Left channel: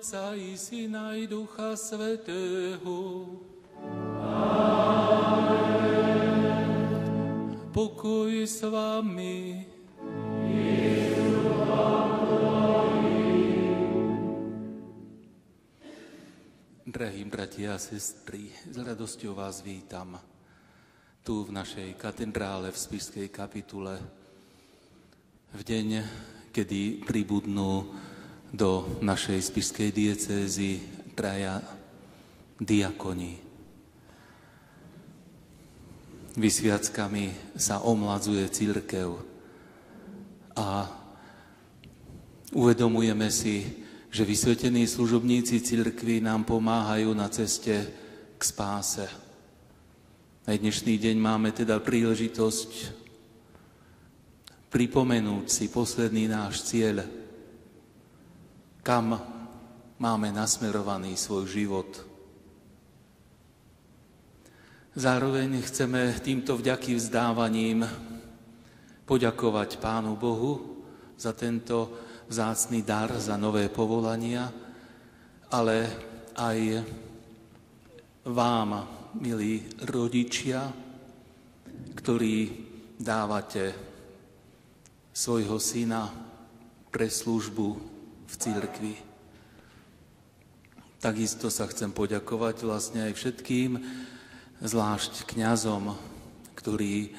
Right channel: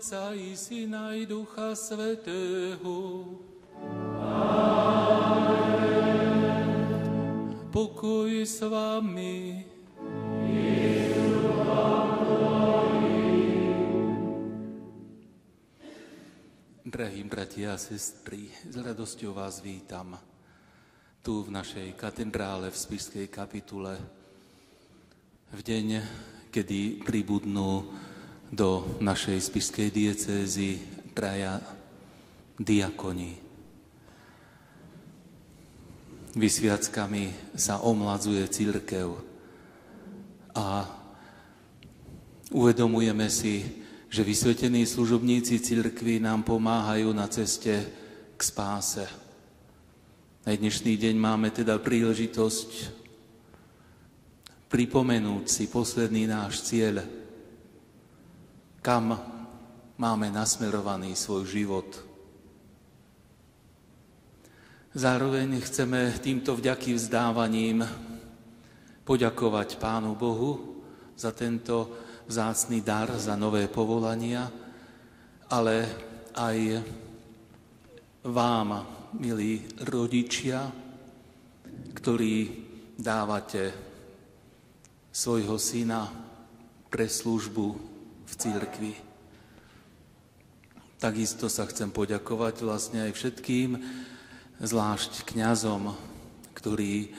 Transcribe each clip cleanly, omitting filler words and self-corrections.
Otca i Syna i Ducha Svätého. Pokoj s vami. Drahí bratia a sestry, s radosťou vás vítam tu v našej katedrále v Spišskej kapitule v deň, kedy pribudnú do našej spišskej diecézy traja diakoni. Vysviackami sa omladzuje cirkev a uvedomujeme si, že vysvetení služobníci cirkvi nám pomáhajú na ceste k spáse. Na dnešný deň máme teda príležitosť pripomenúť si posledný náš cieľ, kam máme nasmerovaný svoj život. Zároveň chceme týmto vďaky vzdávaním poďakovať Pánu Bohu za tento vzácny dar, za nové povolania, ale aj vám, milí rodičia, ktorí dávate svojho syna pre službu v cirkvi. Takisto sa chcem poďakovať vlastne aj všetkým, zvlášť kňazom, ktorí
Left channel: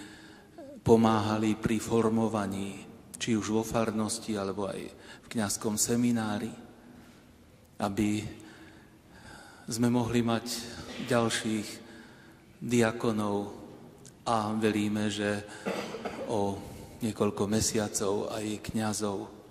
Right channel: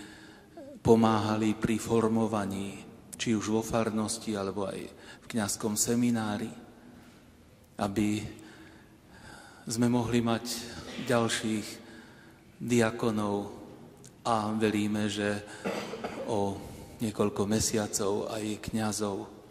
pomáhali pri formovaní, či už vo farnosti, alebo aj v kňazskom seminári, aby sme mohli mať ďalších diakonov a veríme, že o niekoľko mesiacov aj kňazov.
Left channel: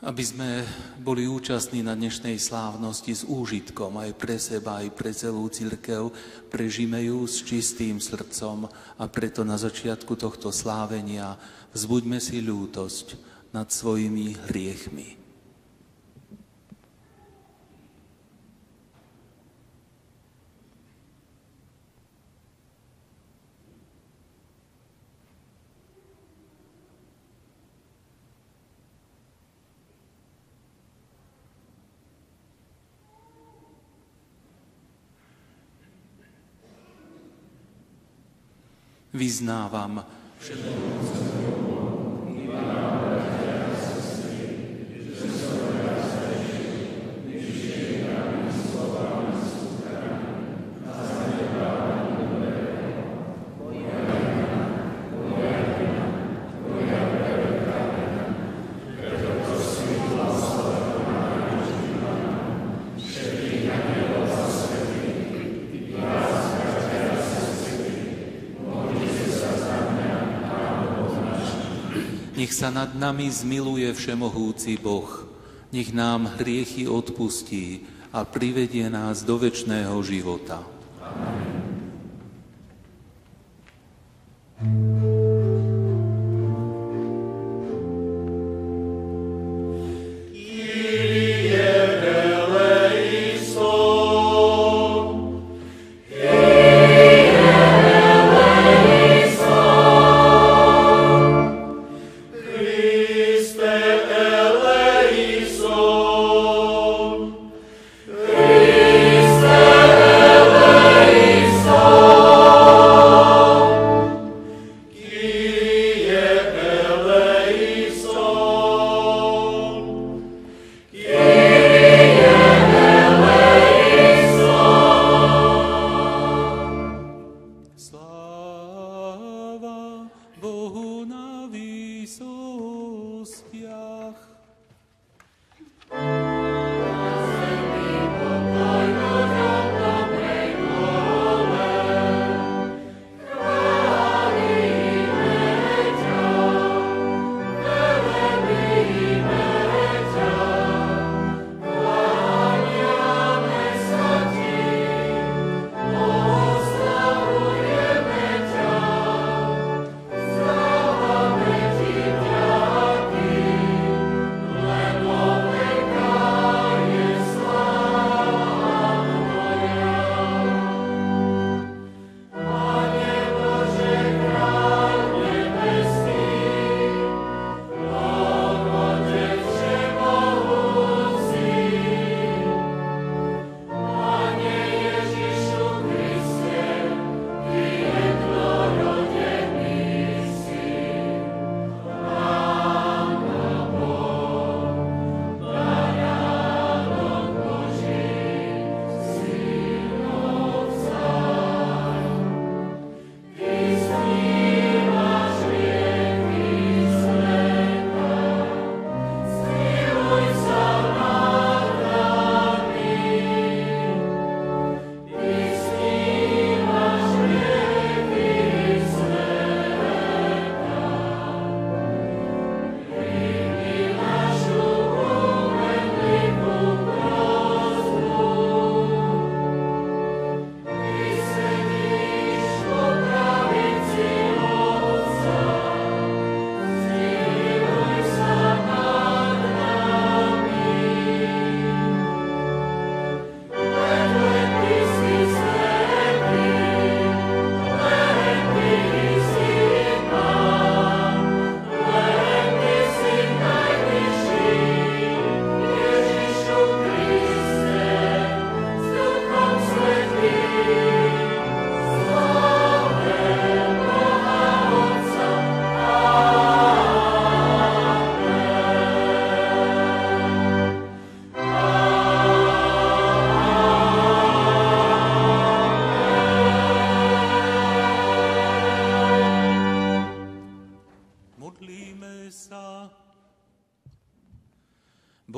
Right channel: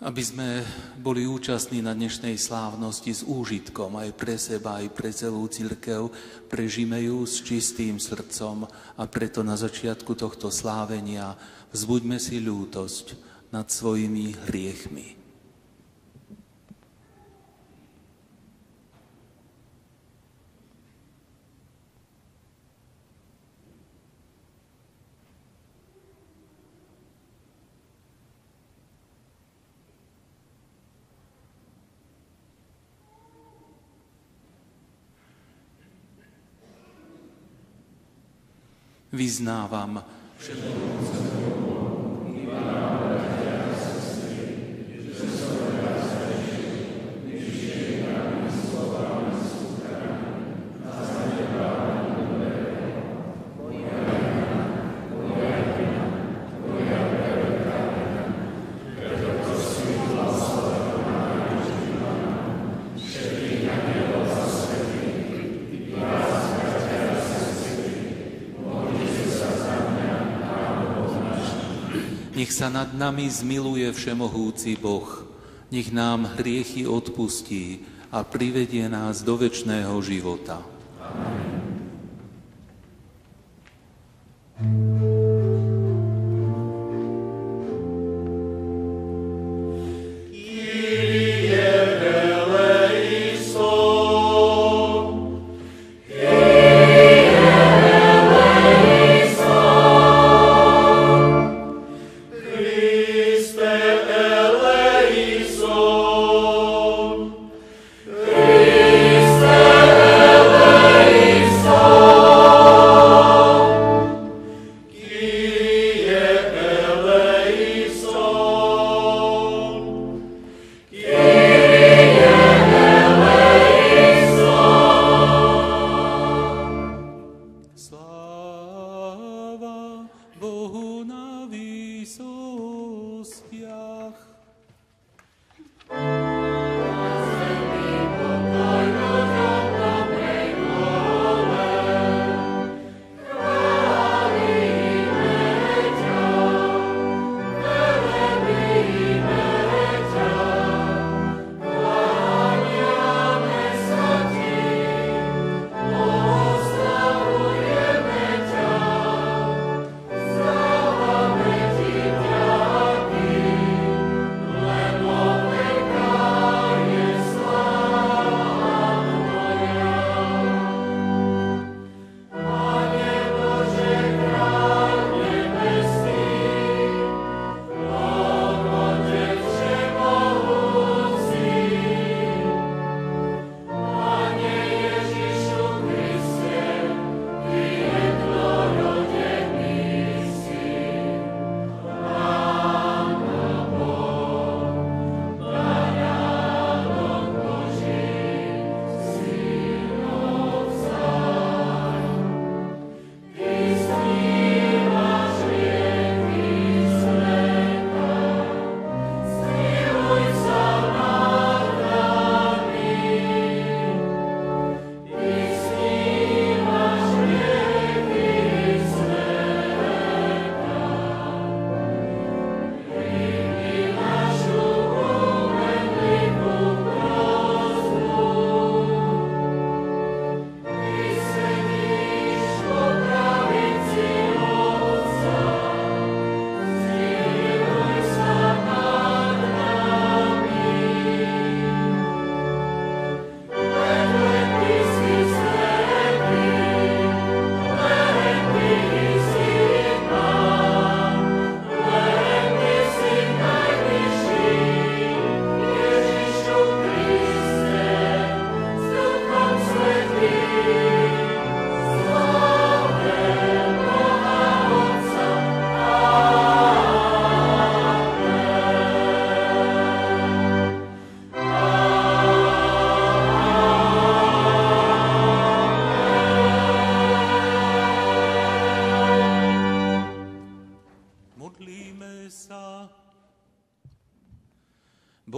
Aby sme boli účastní na dnešnej slávnosti s úžitkom aj pre seba, aj pre celú cirkev, prežime ju s čistým srdcom a preto na začiatku tohto slávenia vzbuďme si ľútosť nad svojimi hriechmi. Vyznávam, že nech sa nad nami zmiluje všemohúci Boh, nech nám hriechy odpustí a privedie nás do večného života. Amen. Christe eleison.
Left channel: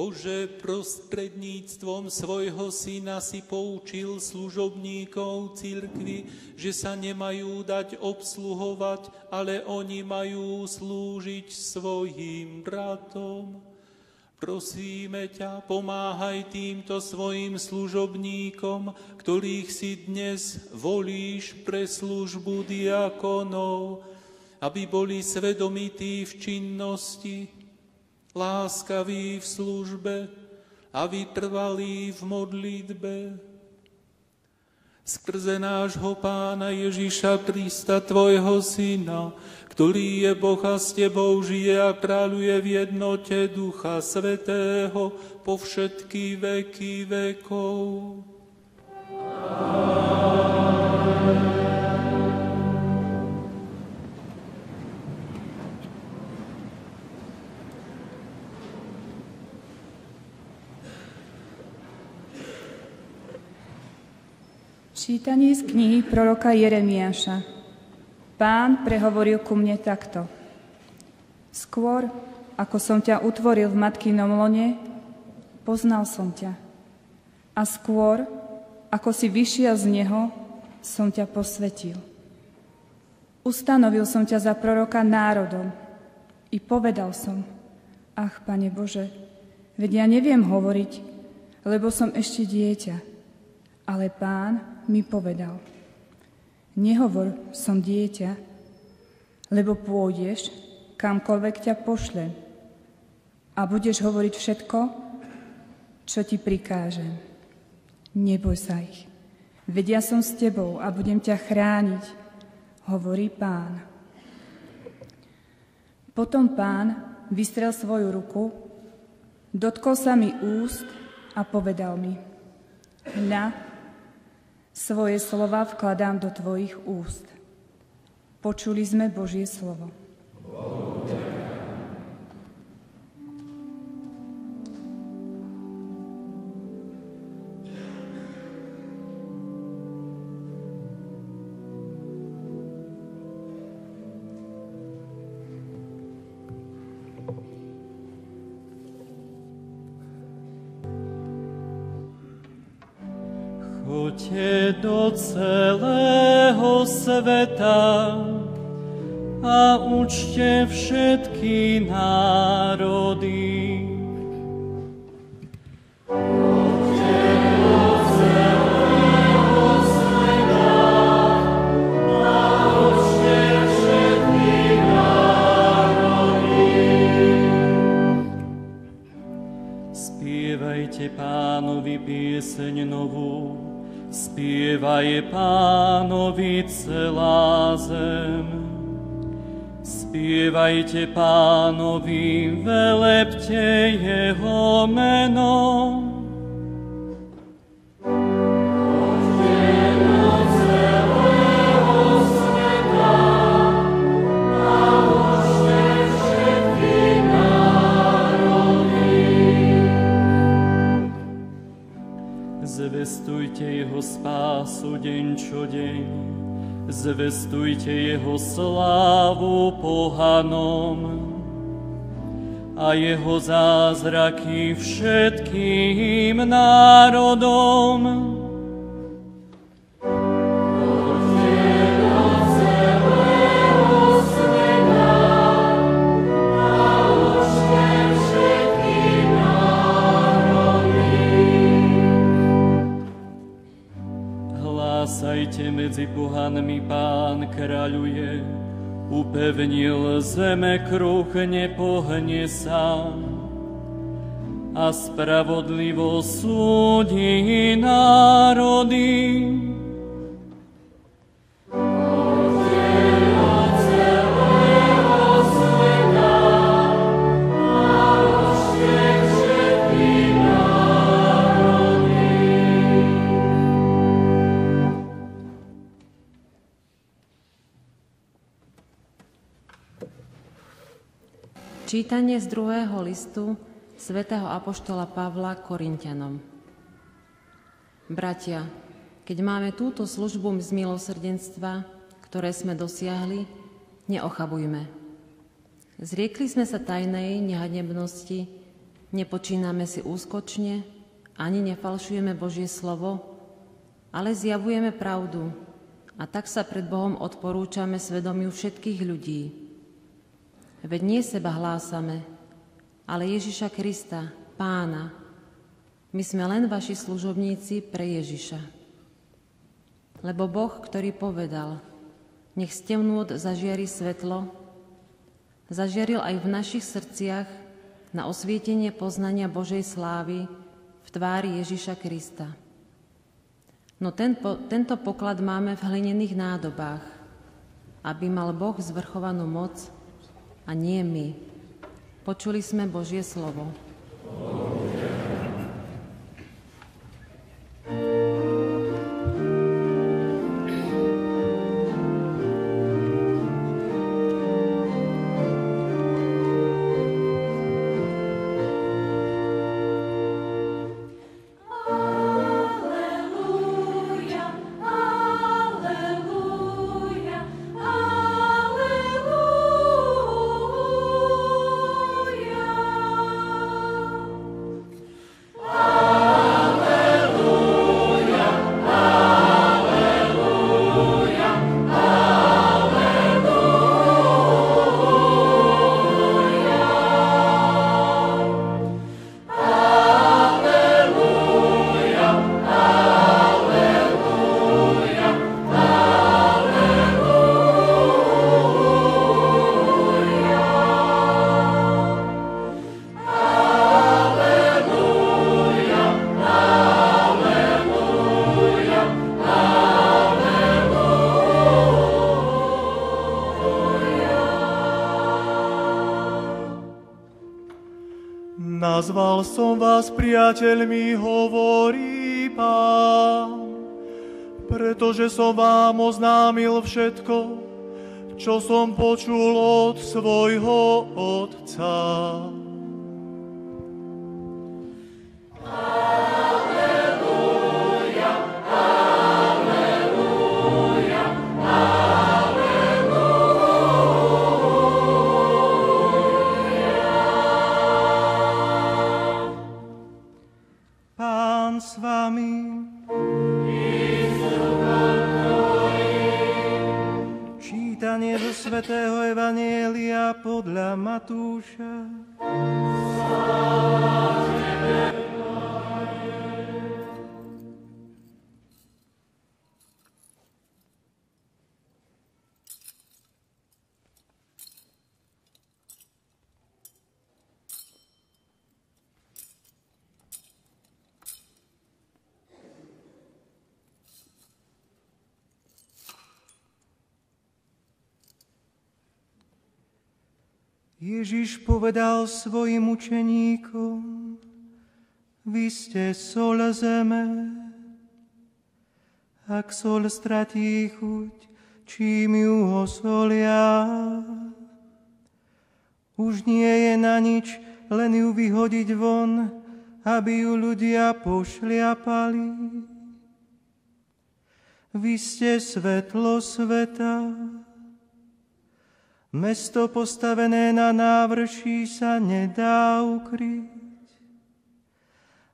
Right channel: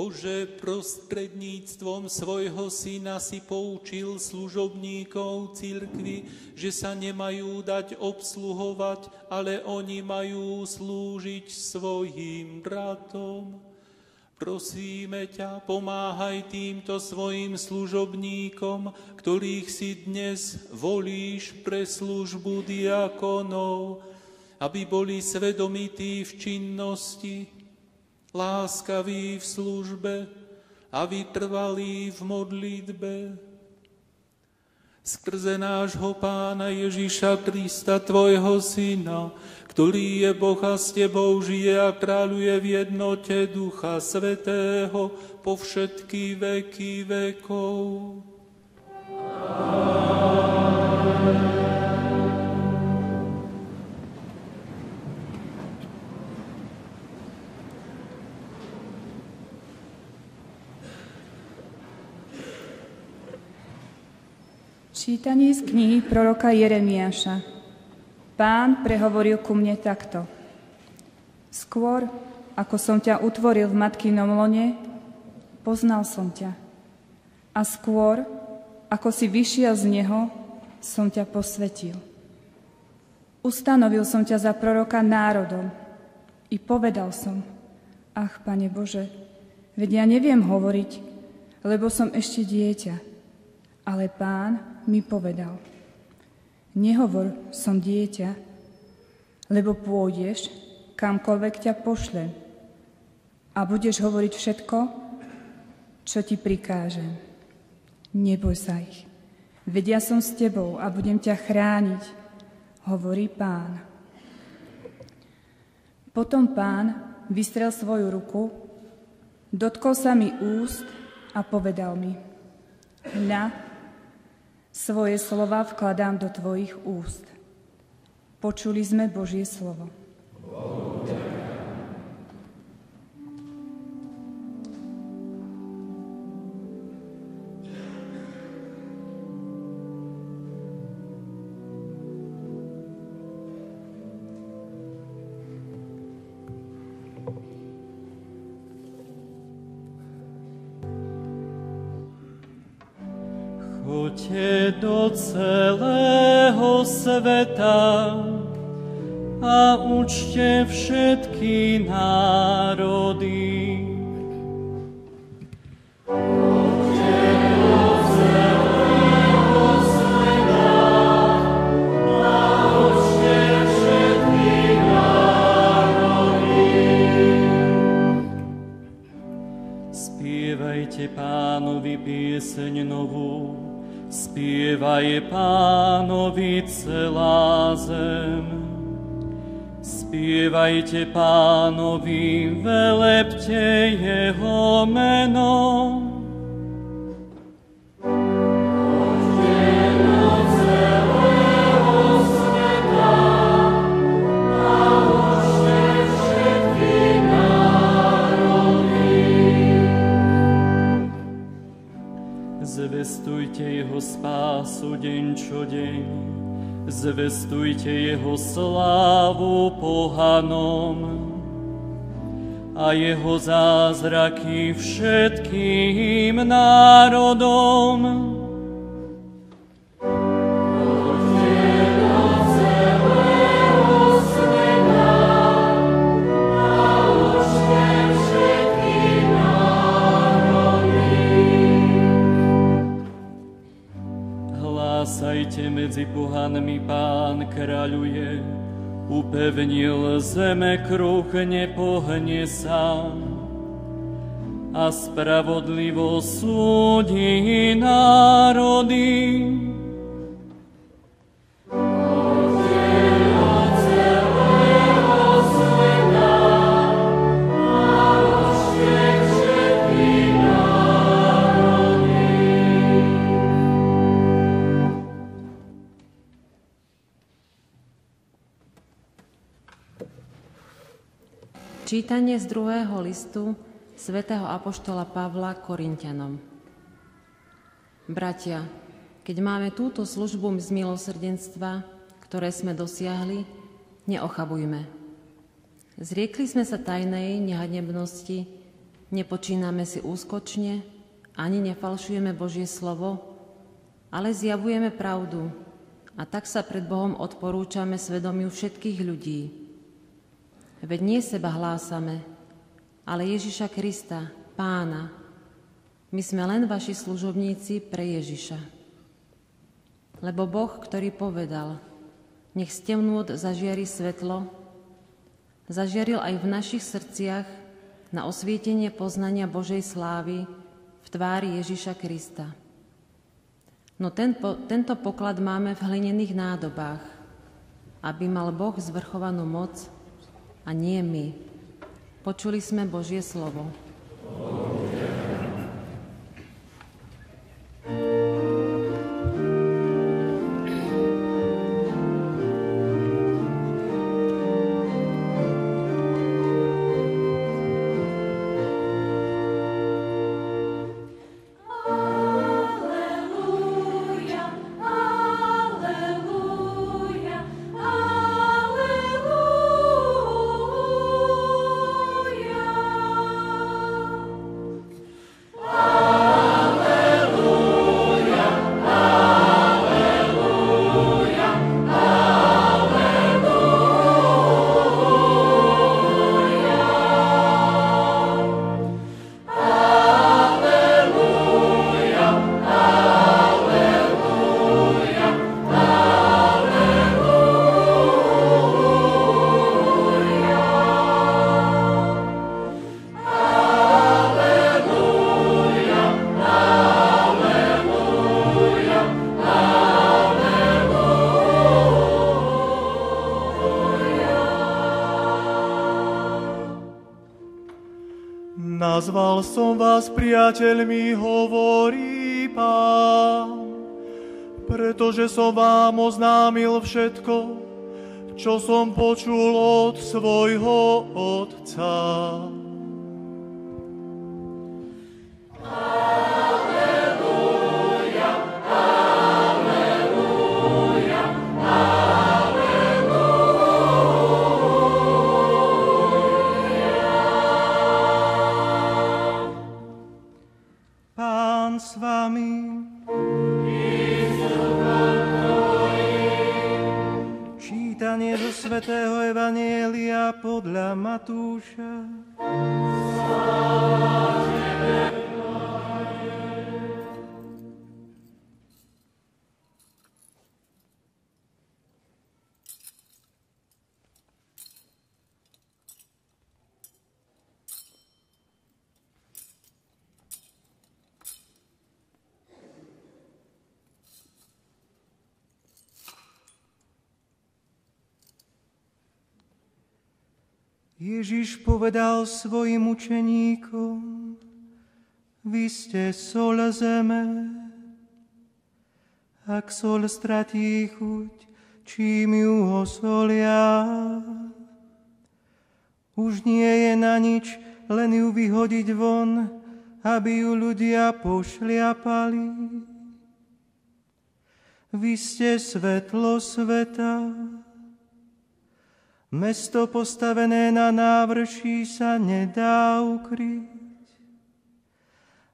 Bože, prostredníctvom svojho syna si poučil služobníkov cirkvi, že sa nemajú dať obsluhovať, ale oni majú slúžiť svojim bratom. Prosíme ťa, pomáhaj týmto svojim služobníkom, ktorých si dnes volíš pre službu diakonov, aby boli svedomití v činnosti, láskaví v službe a vytrvalí v modlitbe. Skrze nášho Pána Ježiša Krista, tvojho Syna, ktorý je Boh a s tebou žije a kráľuje v jednote Ducha Svätého po všetky veky vekov. Amen. Čítanie z knihy proroka Jeremiáša. Pán prehovoril ku mne takto. Skôr, ako som ťa utvoril v matkinom lone, poznal som ťa. A skôr, ako si vyšiel z neho, som ťa posvetil. Ustanovil som ťa za proroka národom i povedal som, ach, Pane Bože, veď ja neviem hovoriť, lebo som ešte dieťa. Ale Pán mi povedal, nehovor, som dieťa, lebo pôjdeš, kamkoľvek ťa pošlem a budeš hovoriť všetko, čo ti prikážem. Neboj sa ich, veď ja som s tebou a budem ťa chrániť, hovorí Pán. Potom Pán vystrel svoju ruku, dotkol sa mi úst a povedal mi, hľa, svoje slova vkladám do tvojich úst. Počuli sme Božie slovo. Choďte do celého sveta a učte všetky národy. Choďte do celého sveta a učte všetky národy. Spievajte Pánovi pieseň novú, spievaj Pánovi celá zem. Spievajte Pánovi, velepte jeho meno. Choďte do celého sveta a učte všetky národy. Zvestujte jeho spásu deň čo deň, zvestujte jeho slávu pohanom a jeho zázraky všetkým národom. Hlásajte medzi pohanmi, Pán kráľuje, upevnil zeme kruh, nepohne sa a spravodlivo súdi národy. Čítanie z 2. listu svätého apoštola Pavla Korinťanom. Bratia, keď máme túto službu z milosrdenstva, ktoré sme dosiahli, neochabujme. Zriekli sme sa tajnej nehanebnosti, Nepočíname si úskočne, ani nefalšujeme Božie slovo, ale zjavujeme pravdu a tak sa pred Bohom odporúčame svedomiu všetkých ľudí. Veď nie seba hlásame, ale Ježiša Krista, Pána. My sme len vaši služobníci pre Ježiša. Lebo Boh, ktorý povedal, nech z temnôt zažiari svetlo, zažiaril aj v našich srdciach na osvietenie poznania Božej slávy v tvári Ježiša Krista. No tento poklad máme v hlinených nádobách, aby mal Boh zvrchovanú moc a nie my. Počuli sme Božie slovo. Nazval som vás priateľmi, hovorí Pán, pretože som vám oznámil všetko, čo som počul od svojho Otca. Čítanie do svätého Evanjelia podľa Matúša. Ježiš povedal svojim učeníkom, vy ste soľ zeme. Ak soľ stratí chuť, čím ju osolia? Už nie je na nič, len ju vyhodiť von, aby ju ľudia pošliapali. Vy ste svetlo sveta. Mesto postavené na návrší sa nedá ukryť.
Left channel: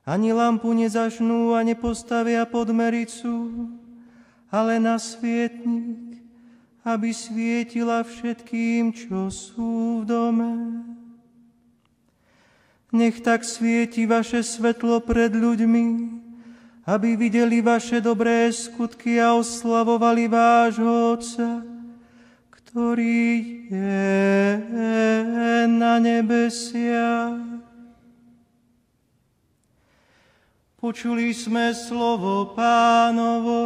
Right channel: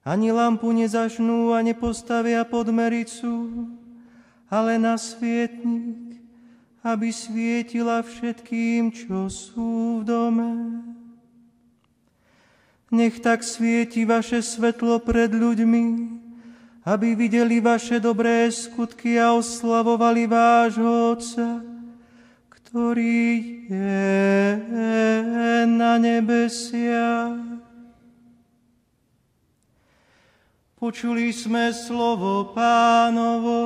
Ani lampu nezažnú a nepostavia pod mericu, ale na svietnik, aby svietila všetkým, čo sú v dome. Nech tak svieti vaše svetlo pred ľuďmi, aby videli vaše dobré skutky a oslavovali vášho Otca, ktorý je na nebesiach. Počuli sme slovo Pánovo.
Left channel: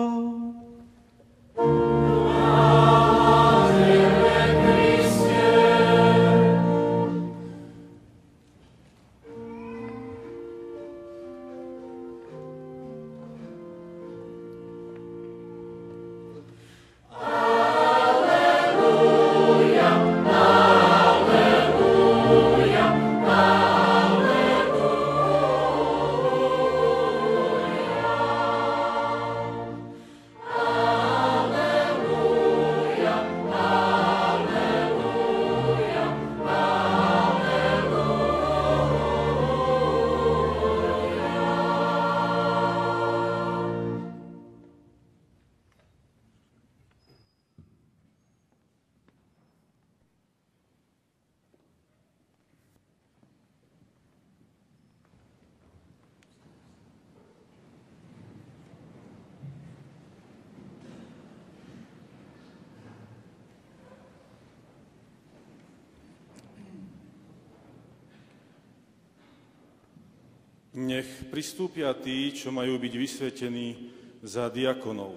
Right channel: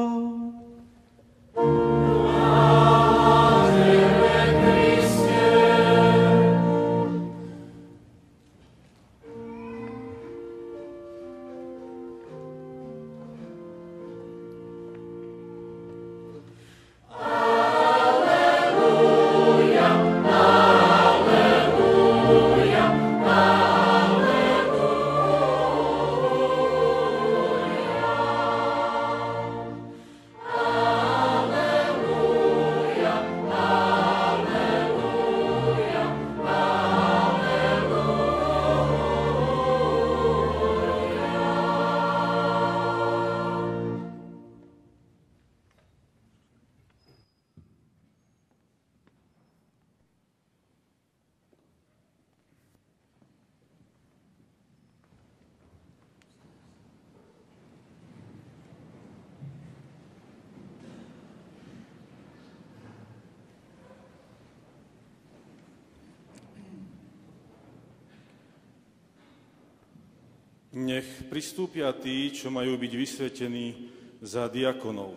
Nech pristúpia tí, čo majú byť vysvetení za diakonov.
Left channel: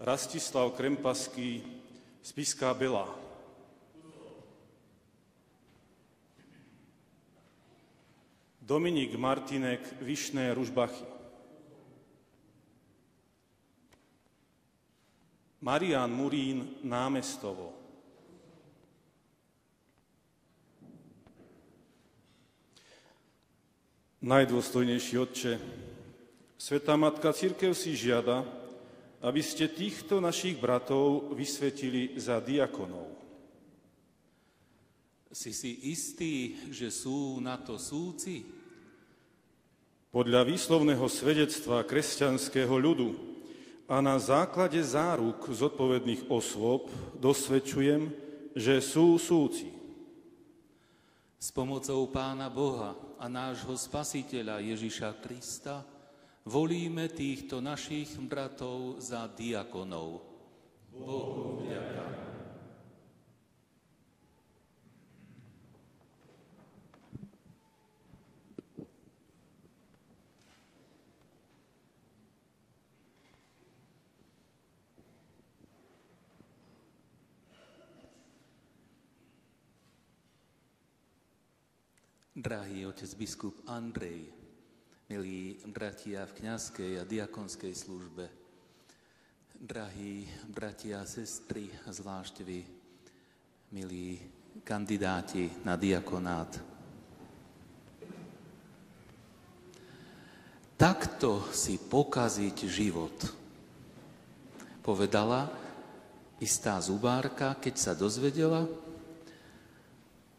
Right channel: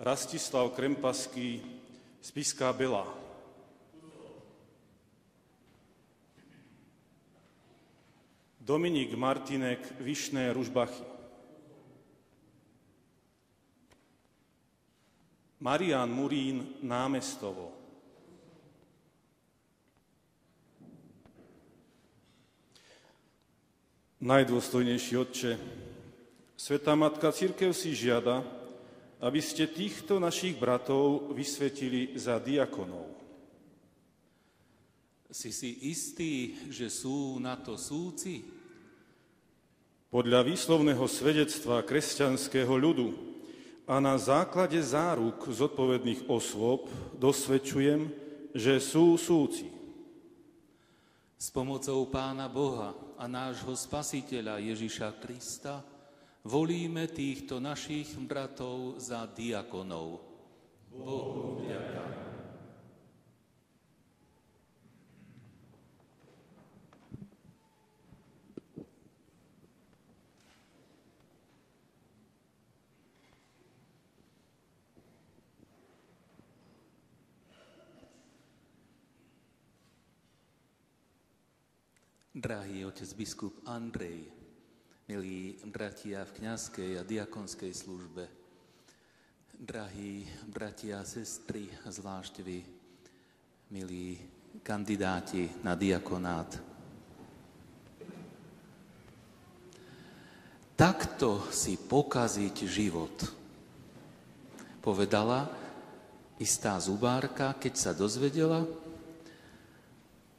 Rastislav Krempaský, Spiská Belá. Dominik Martinek, Vyšné Ružbachy. Marián Murín, Námestovo. Najdôstojnejší Otče, Svätá Matka Cirkev si žiada, aby ste týchto našich bratov vysvetili za diakonov. Si istý, že sú na to súci? Podľa výslovného svedectva kresťanského ľudu a na základe záruk zodpovedných osôb dosvedčujem, že sú súci. S pomocou Pána Boha a nášho Spasiteľa Ježiša Krista volíme týchto našich bratov za diakonov. Bohu vďaka. Drahý otec biskup Andrej, milí bratia v kňazskej a diakonskej službe, drahí bratia a sestry, a zvlášť vy, milí kandidáti na diakonát. Takto si pokaziť život, povedala istá zubárka, keď sa dozvedela,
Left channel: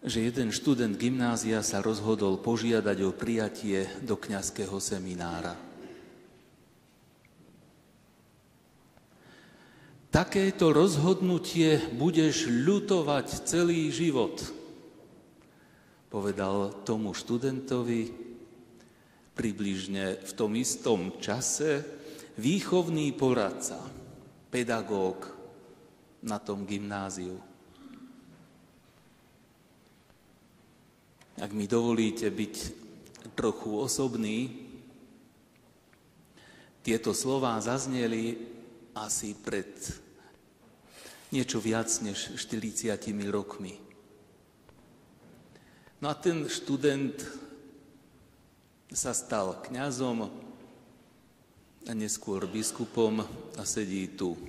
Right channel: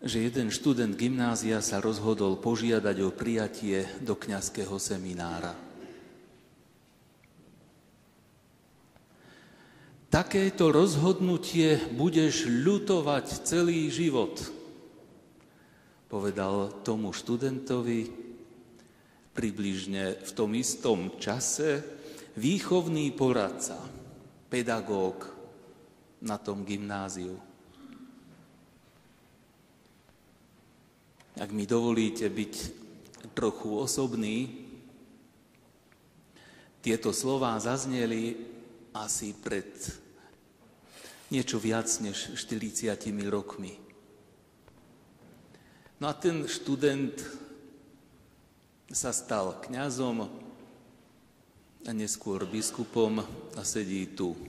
že jeden študent gymnázia sa rozhodol požiadať o prijatie do kňazského seminára. Takéto rozhodnutie budeš ľutovať celý život, povedal tomu študentovi približne v tom istom čase výchovný poradca, pedagóg na tom gymnáziu. Ak mi dovolíte byť trochu osobný, tieto slová zazneli asi pred niečo viac než 40 rokmi. No a ten študent sa stal kňazom a neskôr biskupom a sedí tu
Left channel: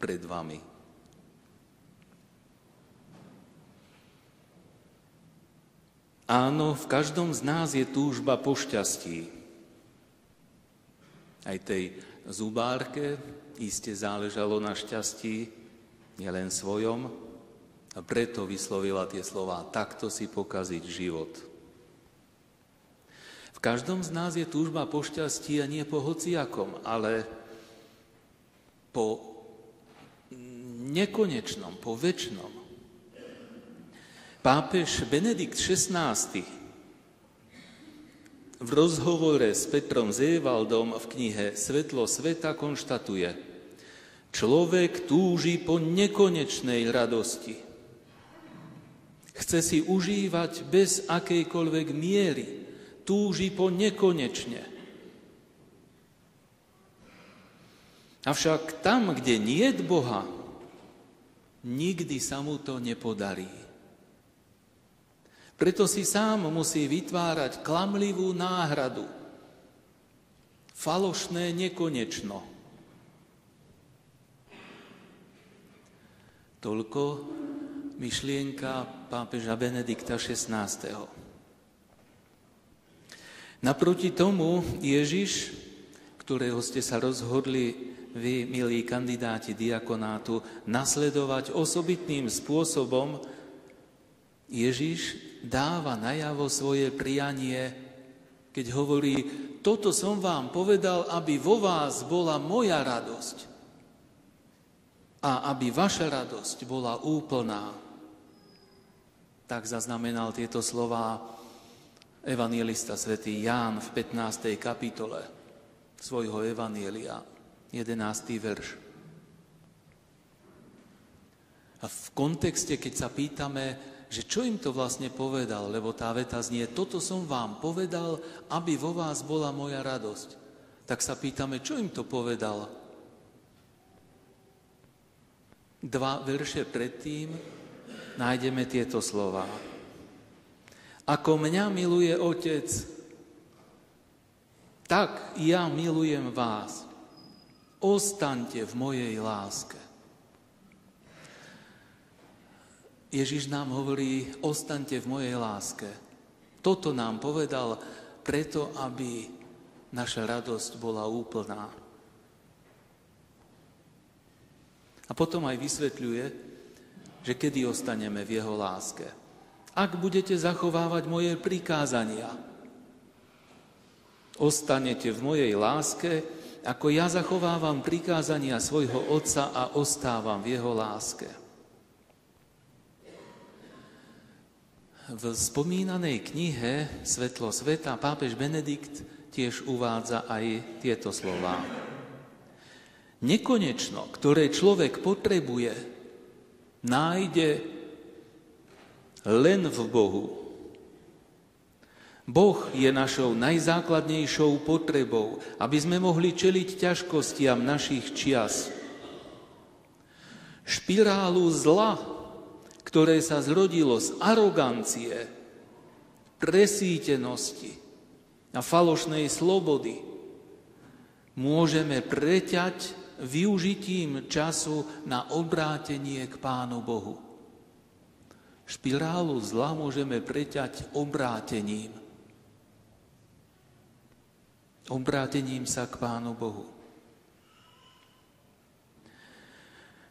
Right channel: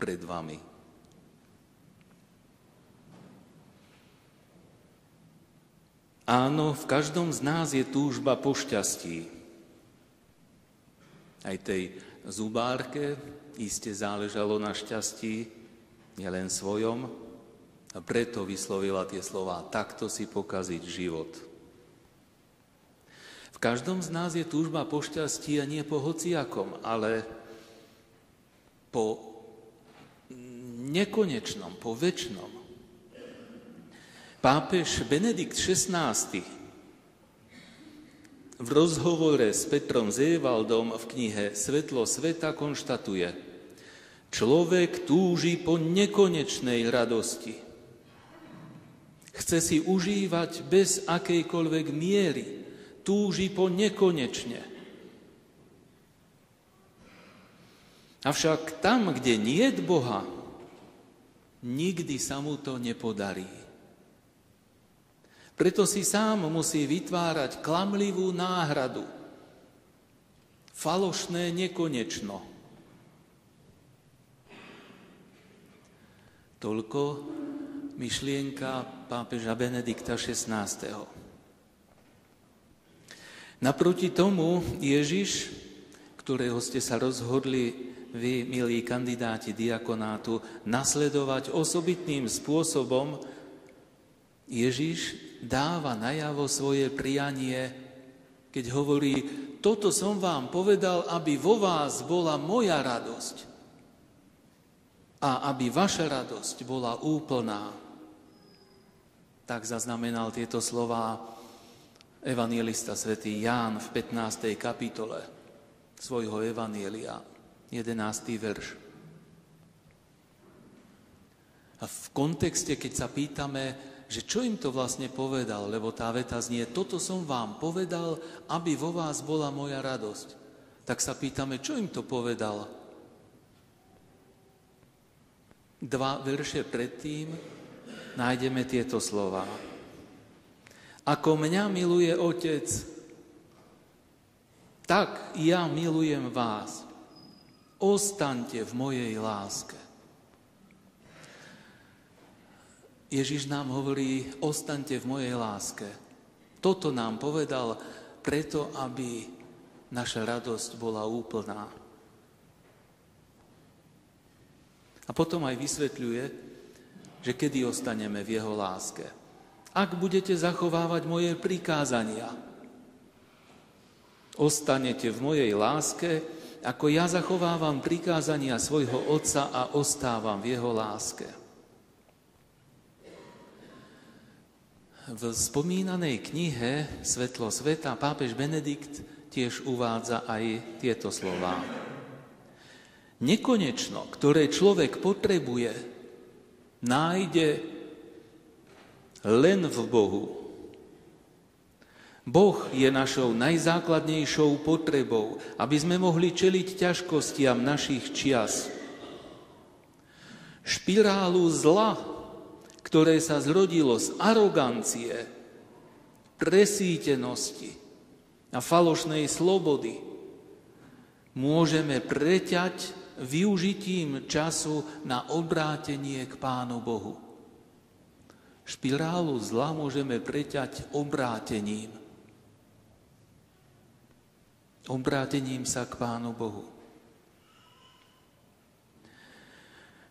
pred vami. Áno, v každom z nás je túžba po šťastí. Aj tej zubárke iste záležalo na šťastí, nielen svojom, a preto vyslovila tie slová: takto si pokaziť život. V každom z nás je túžba po šťastí a nie po hociakom, ale po nekonečnom, po večnom. Pápež Benedikt XVI v rozhovore s Petrom Zévaldom v knihe Svetlo sveta konštatuje: človek túži po nekonečnej radosti. Chce si užívať bez akejkoľvek miery, túži po nekonečne. Avšak tam, kde niet Boha, nikdy sa mu to nepodarí. Preto si sám musí vytvárať klamlivú náhradu, falošné nekonečno. Toľko myšlienka pápeža Benedikta XVI. Naproti tomu Ježiš, ktorého ste sa rozhodli vy, milí kandidáti diakonátu, nasledovať osobitným spôsobom, Ježiš dáva najavo svoje prianie, keď hovorí: toto som vám povedal, aby vo vás bola moja radosť a aby vaša radosť bola úplná. Tak zaznamenal tieto slová evanjelista svätý Ján v 15. kapitole svojho evanjelia, 11. verš. A v kontexte, keď sa pýtame, že čo im to vlastne povedal, lebo tá veta znie, toto som vám povedal, aby vo vás bola moja radosť. Tak sa pýtame, čo im to povedal? 2 verše predtým nájdeme tieto slova. Ako mňa miluje Otec, tak ja milujem vás. Ostaňte v mojej láske. Ježiš nám hovorí, ostaňte v mojej láske. Toto nám povedal preto, aby naša radosť bola úplná. A potom aj vysvetľuje, že kedy ostaneme v jeho láske. Ak budete zachovávať moje prikázania, ostanete v mojej láske, ako ja zachovávam prikázania svojho Otca a ostávam v jeho láske. V spomínanej knihe Svetlo sveta pápež Benedikt tiež uvádza aj tieto slová. Nekonečno, ktoré človek potrebuje, nájde len v Bohu. Boh je našou najzákladnejšou potrebou, aby sme mohli čeliť ťažkostiam našich čias. Špirálu zla, ktoré sa zrodilo z arogancie, presýtenosti a falošnej slobody, môžeme preťať využitím času na obrátenie k Pánu Bohu. Špirálu zla môžeme preťať obrátením. Obrátením sa k Pánu Bohu.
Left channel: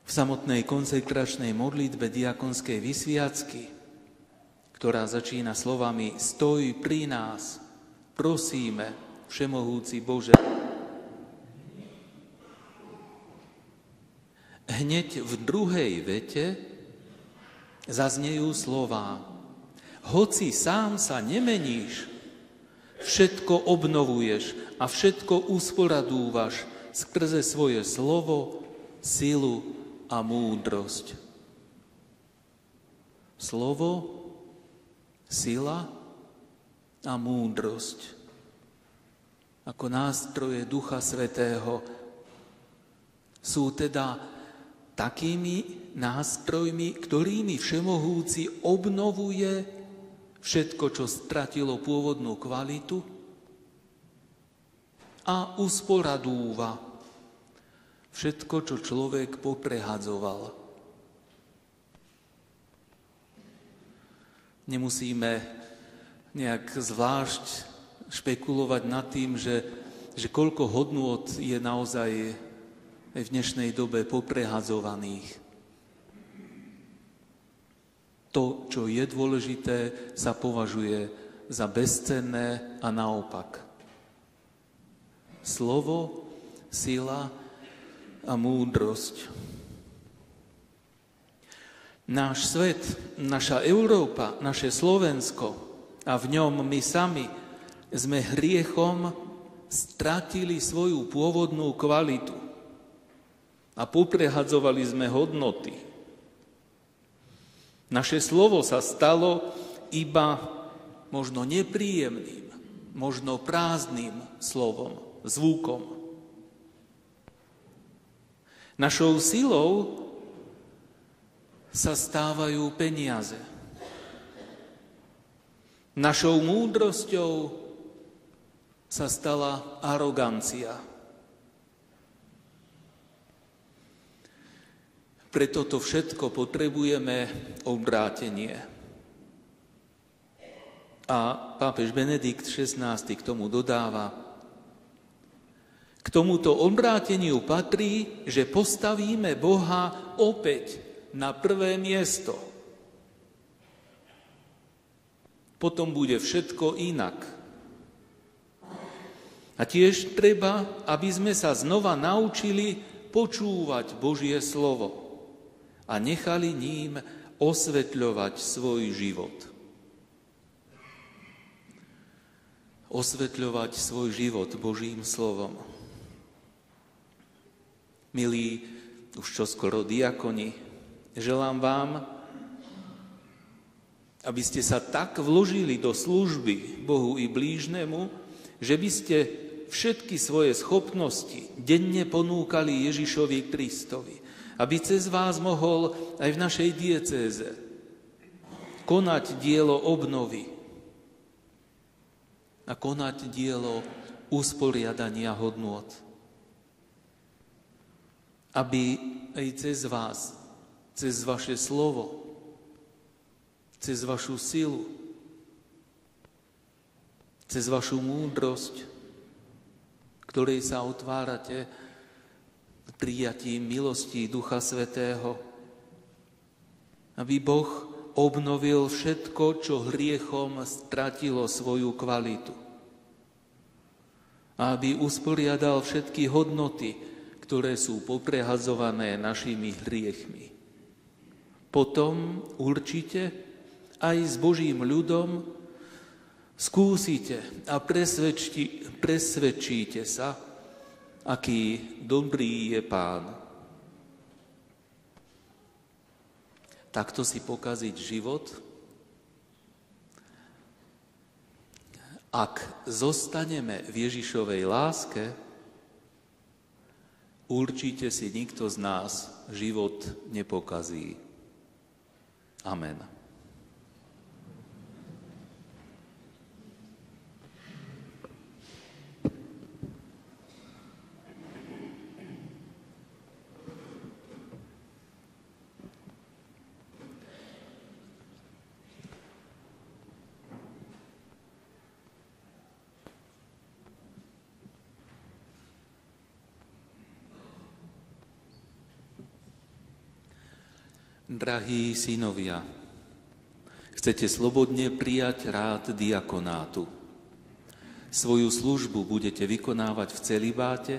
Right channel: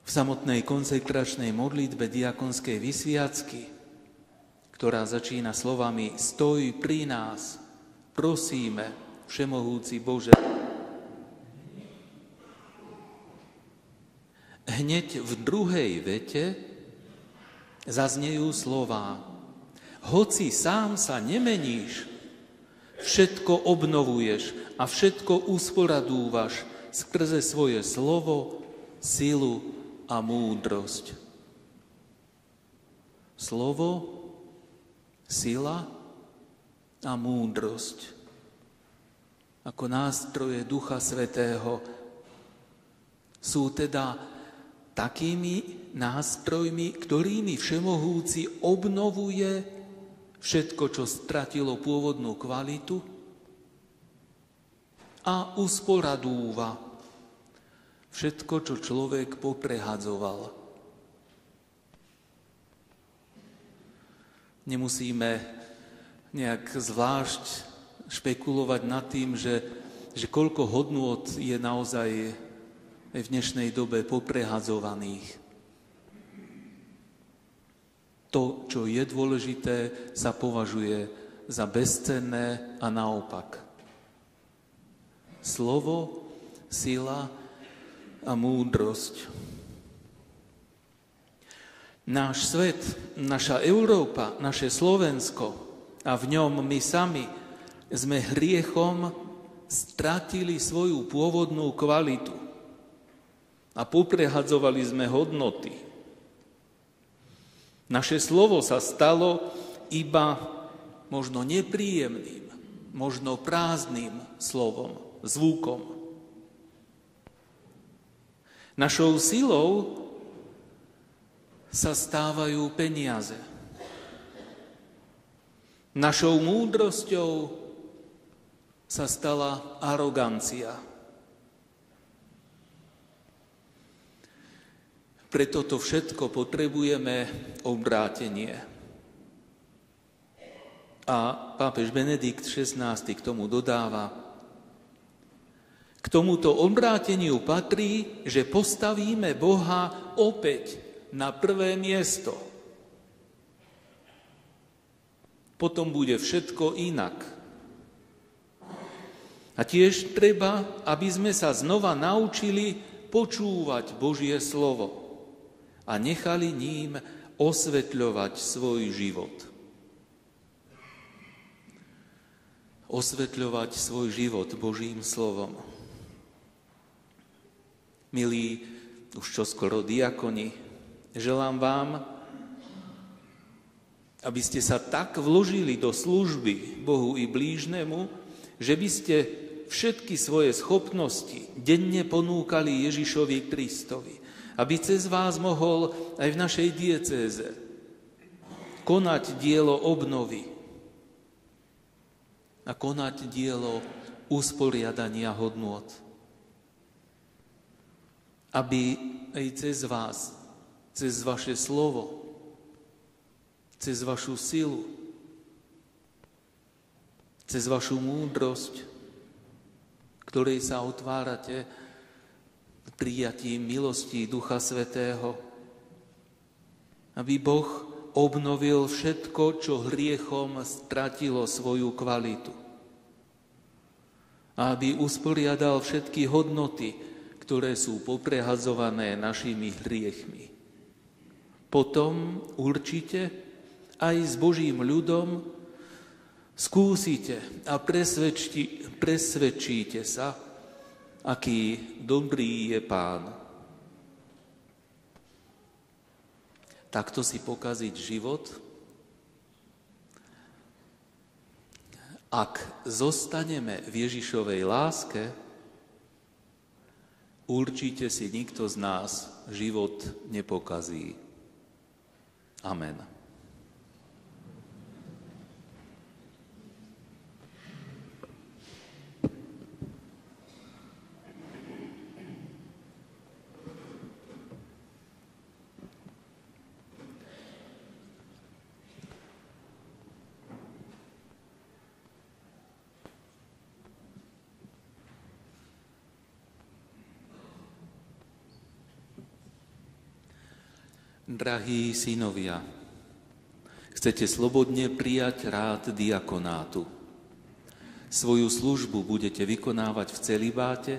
V samotnej konsekračnej modlitbe diakonskej vysviacky, ktorá začína slovami Stoj pri nás, prosíme, Všemohúci Bože. Hneď v druhej vete zaznejú slová Hoci sám sa nemeníš, všetko obnovuješ a všetko usporadúvaš skrze svoje slovo, silu a múdrosť. Slovo, sila a múdrosť. Ako nástroje Ducha Svätého sú teda takými nástrojmi, ktorými Všemohúci obnovuje všetko, čo stratilo pôvodnú kvalitu a usporadúva všetko, čo človek poprehadzoval. Nemusíme nejak zvlášť špekulovať nad tým, že koľko hodnôt je naozaj v dnešnej dobe poprehadzovaných. To, čo je dôležité, sa považuje za bezcenné a naopak. Slovo, sila a múdrosť. Náš svet, naša Európa, naše Slovensko a v ňom my sami sme hriechom stratili svoju pôvodnú kvalitu a poprehadzovali sme hodnoty. Naše slovo sa stalo iba možno nepríjemným, možno prázdnym slovom, zvukom. Našou silou sa stávajú peniaze. Našou múdrosťou sa stala arogancia. Pre toto všetko potrebujeme obrátenie. A pápež Benedikt XVI k tomu dodáva, k tomuto obráteniu patrí, že postavíme Boha opäť na prvé miesto. Potom bude všetko inak. A tiež treba, aby sme sa znova naučili počúvať Božie slovo a nechali ním osvetľovať svoj život. Osvetľovať svoj život Božím slovom. Milí, už čoskoro diakoni, želám vám, aby ste sa tak vložili do služby Bohu i blížnemu, že by ste všetky svoje schopnosti denne ponúkali Ježišovi Kristovi, aby cez vás mohol aj v našej diecéze konať dielo obnovy a konať dielo usporiadania hodnôt. Aby aj cez vás, cez vaše slovo, cez vašu silu, cez vašu múdrosť, ktorej sa otvárate prijatím milostí Ducha Svätého, aby Boh obnovil všetko, čo hriechom stratilo svoju kvalitu. A aby usporiadal všetky hodnoty, ktoré sú poprehadzované našimi hriechmi. Potom určite aj s Božím ľudom skúsite a presvedčíte sa, aký dobrý je Pán. Takto si pokaziť život? Ak zostaneme v Ježišovej láske, určite si nikto z nás život nepokazí. Amen. Drahí synovia, chcete slobodne prijať rád diakonátu. Svoju službu budete vykonávať v celibáte,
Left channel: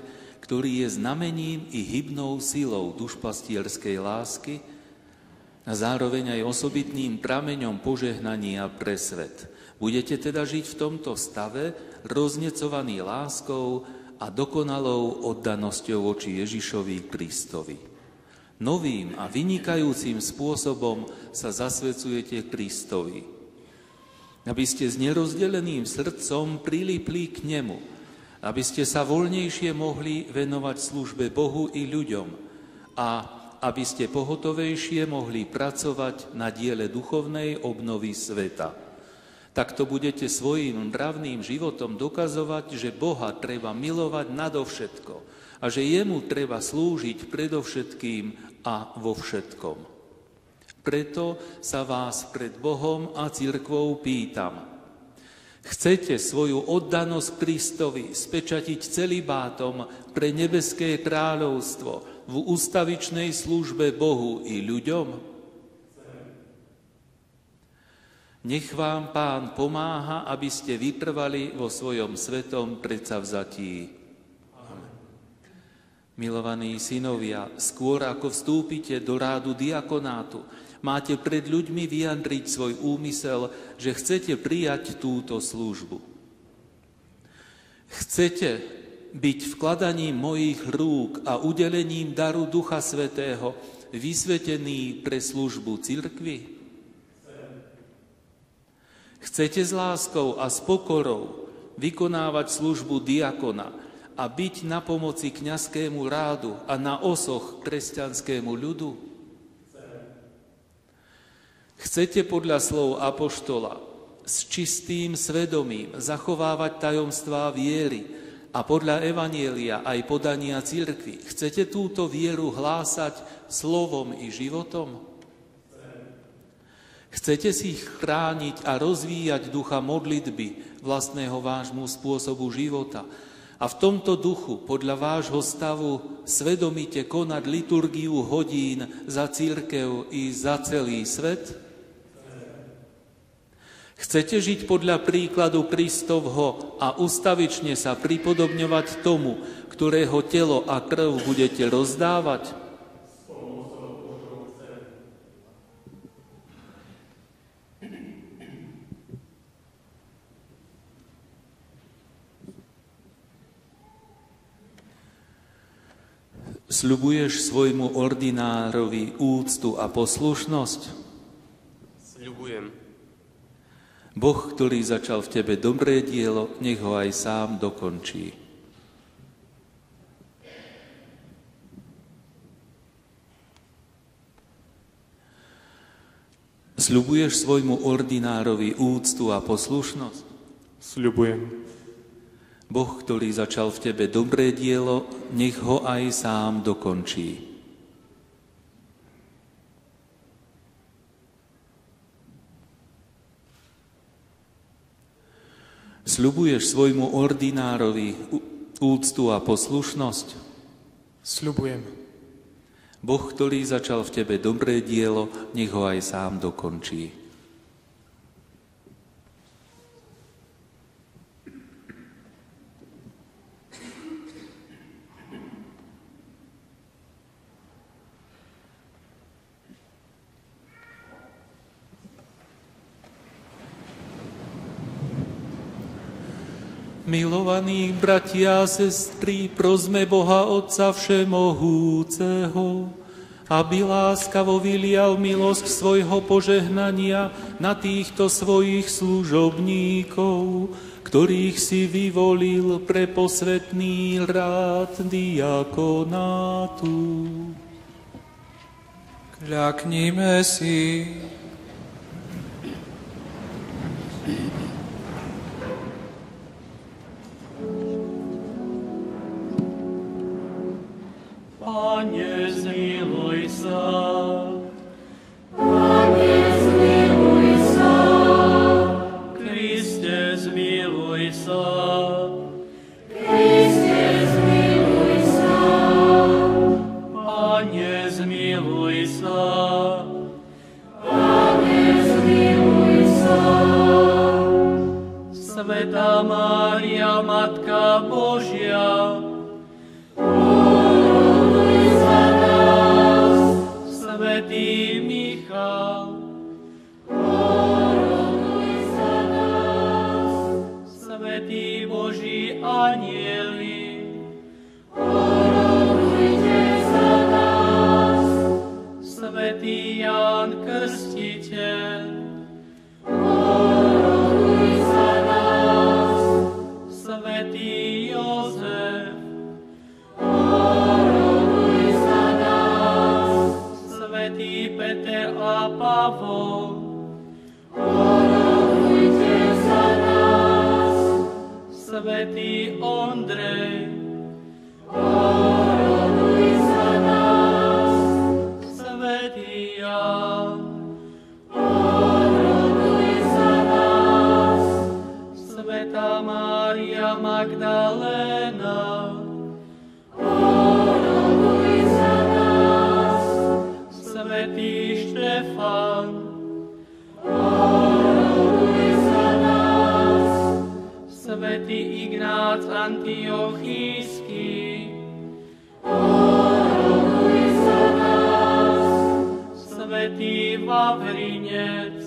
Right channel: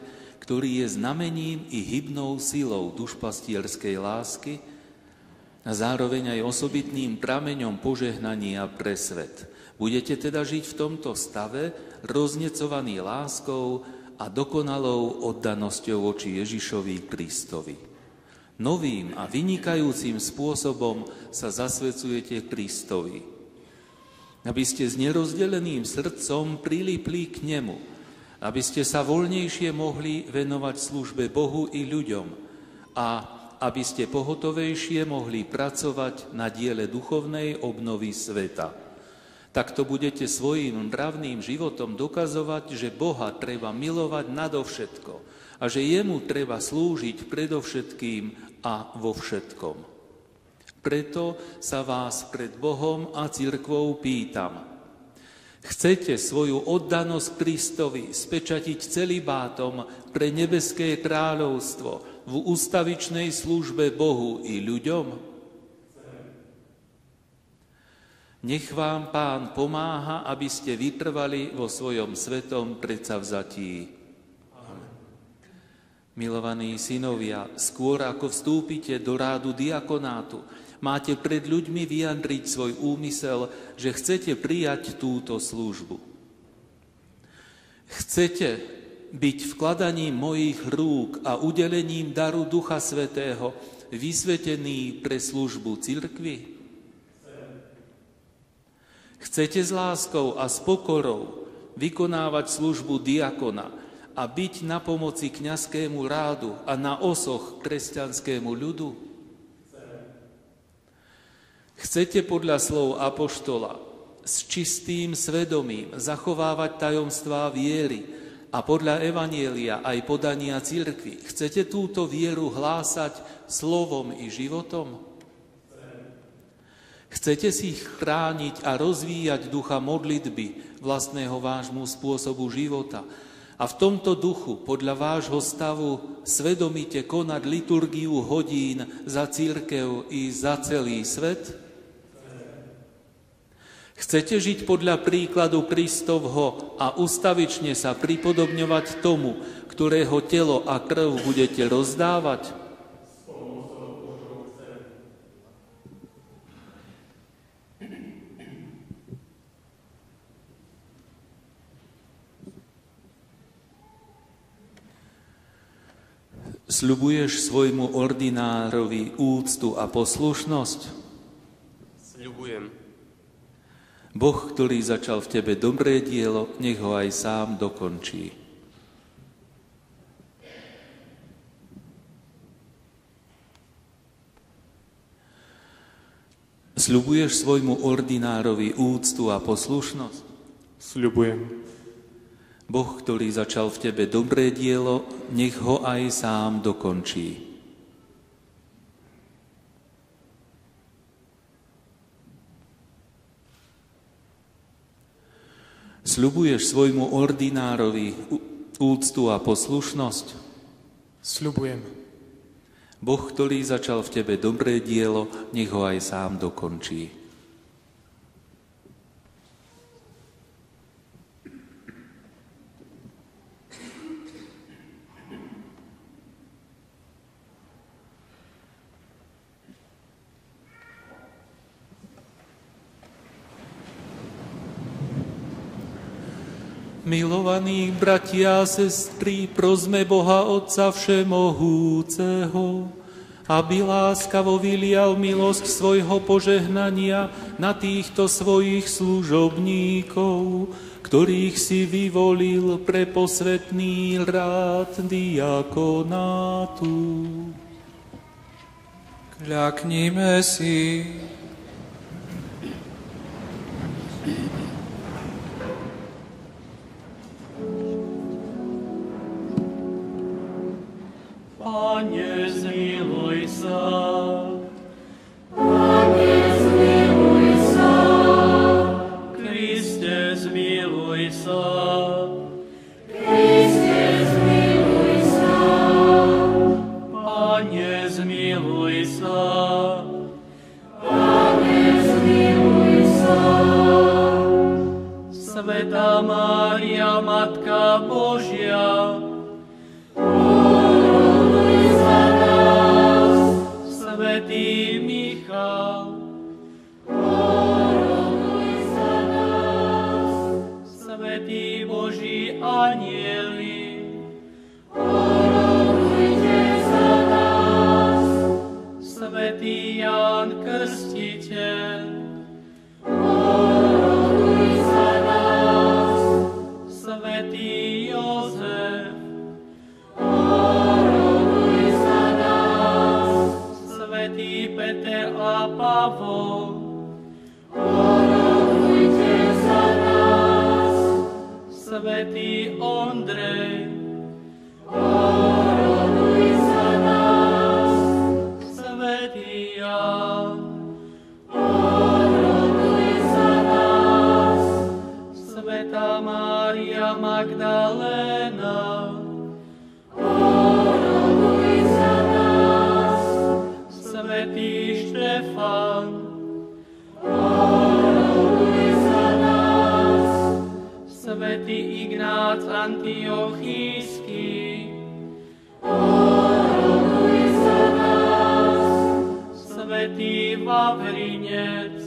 ktorý je znamením i hybnou silou dušpastierskej lásky a zároveň aj osobitným prameňom požehnania pre svet. Budete teda žiť v tomto stave, roznecovaný láskou a dokonalou oddanosťou voči Ježišovi Kristovi. Novým a vynikajúcim spôsobom sa zasvedcujete Kristovi, aby ste s nerozdeleným srdcom prilipli k nemu, aby ste sa voľnejšie mohli venovať službe Bohu i ľuďom a aby ste pohotovejšie mohli pracovať na diele duchovnej obnovy sveta. Takto budete svojím mravným životom dokazovať, že Boha treba milovať nadovšetko a že jemu treba slúžiť predovšetkým a vo všetkom. Preto sa vás pred Bohom a cirkvou pýtam. Chcete svoju oddanosť Kristovi spečatiť celibátom pre nebeské kráľovstvo v ústavičnej službe Bohu i ľuďom? Nech vám Pán pomáha, aby ste vytrvali vo svojom svetom predsavzatí. Milovaní synovia, skôr ako vstúpite do rádu diakonátu, máte pred ľuďmi vyjadriť svoj úmysel, že chcete prijať túto službu. Chcete byť vkladaním mojich rúk a udelením daru Ducha Svätého vysvetený pre službu cirkvi? Chcete s láskou a s pokorou vykonávať službu diakona a byť na pomoci kňazskému rádu a na osoch kresťanskému ľudu? Chcete podľa slov apoštola s čistým svedomím zachovávať tajomstvá viery a podľa evanjelia aj podania cirkvi? Chcete túto vieru hlásať slovom i životom? Chcete si chrániť a rozvíjať ducha modlitby vlastného vášmu spôsobu života a v tomto duchu, podľa vášho stavu, svedomite konať liturgiu hodín za cirkev i za celý svet? Chcete žiť podľa príkladu Kristovho a ustavične sa pripodobňovať tomu, ktorého telo a krv budete rozdávať? Sľubuješ svojmu ordinárovi úctu a poslušnosť? Sľubujem. Boh, ktorý začal v tebe dobré dielo, nech ho aj sám dokončí. Sľubuješ svojmu ordinárovi úctu a poslušnosť? Sľubujem. Boh, ktorý začal v tebe dobré dielo, nech ho aj sám dokončí. Sľubuješ svojmu ordinárovi úctu a poslušnosť? Sľubujem. Boh, ktorý začal v tebe dobré dielo, nech ho aj sám dokončí. Milovaní bratia a sestry, prosme Boha Otca Všemohúceho, aby láskavo vylial milosť svojho požehnania na týchto svojich služobníkov, ktorých si vyvolil pre posvätný rád diakonátu. Kľaknime si. Pane, zmiluj sa. Pane, zmiluj sa. Kriste, zmiluj sa. Kriste, zmiluj sa. Pane, zmiluj sa. Pane, zmiluj sa. Svätá Mária, Matka Božia, Svätý Michal, Svätý Boží anjeli, Svätý Ján Krstiteľ, Svätý Jozef, Svätý Peter a Pavol, Svätý Ondrej, Svätý Ján, Svätá Mária Magdaléna, Svätý Štefán, Svätý Ignác Antiochísky, Svätý Vavrinec,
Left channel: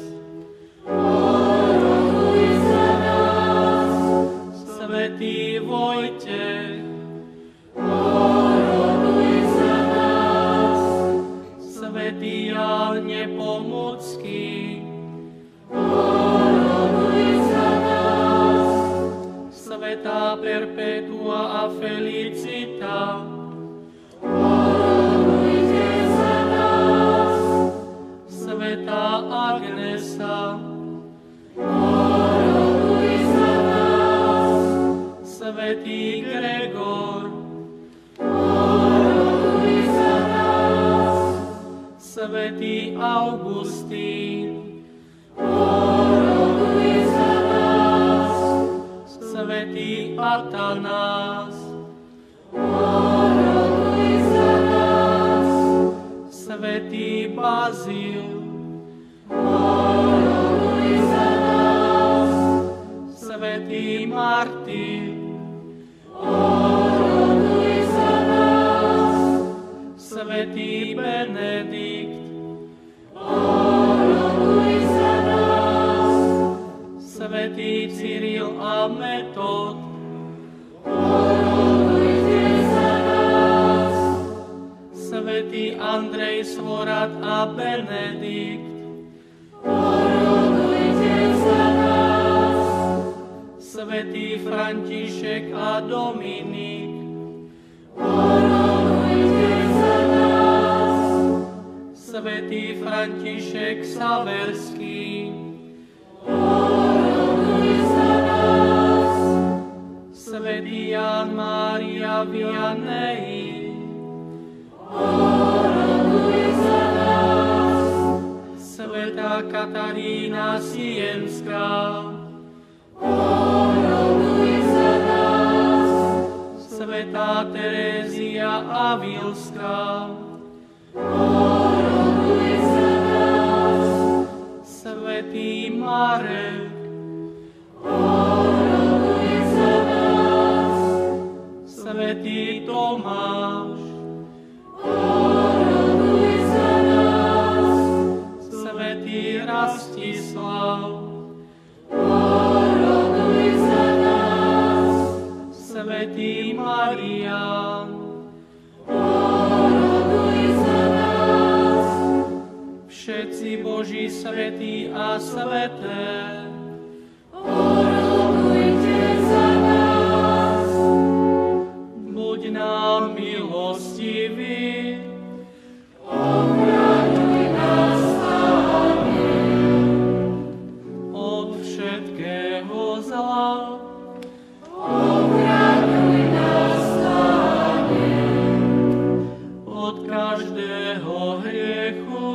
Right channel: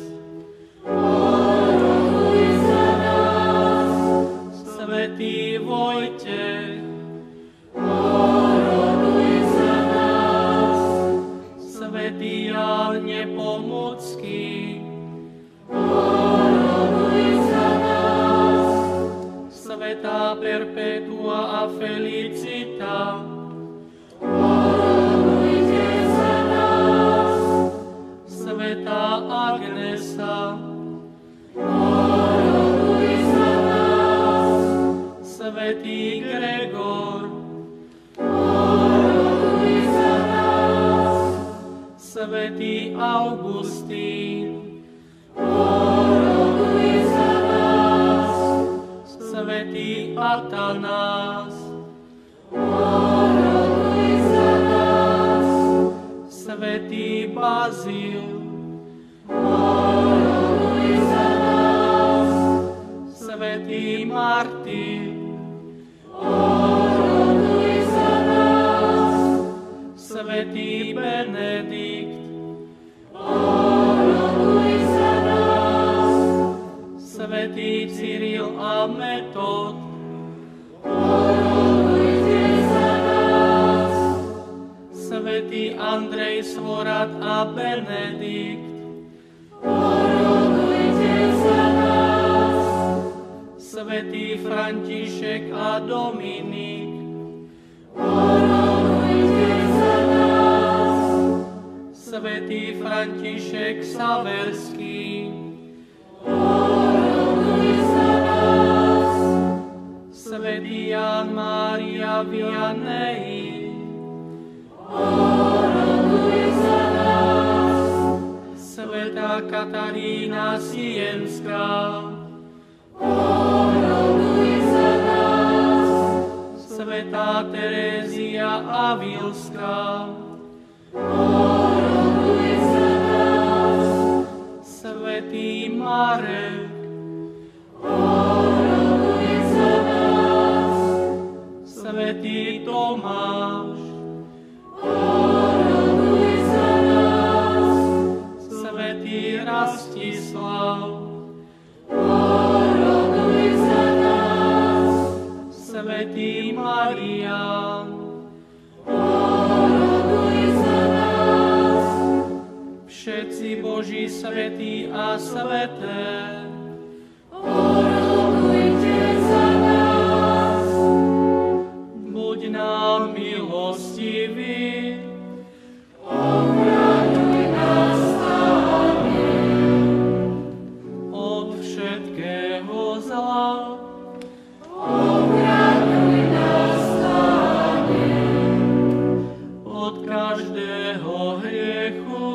Svätý Vojtech, Svätý Ján Nepomucký, Svätá Perpetua a Felicita, Svätá Agnesa, Svätý Gregor, Svätý Augustín, Svätý Atanás, Svätý Bazil, Svätý Martin, Svätý Benedikt, František a Dominik, svätý František Saverský, svätý Ján Mária Vianney, svätá Katarína Sienská, svätá Terézia Avilská, svätý Marek, svätý Tomáš, svätý Rastislav, svätý Marián, všetci Boží svätí a sväté, buď nám milostivý, od všetkého zla, od každého hriechu,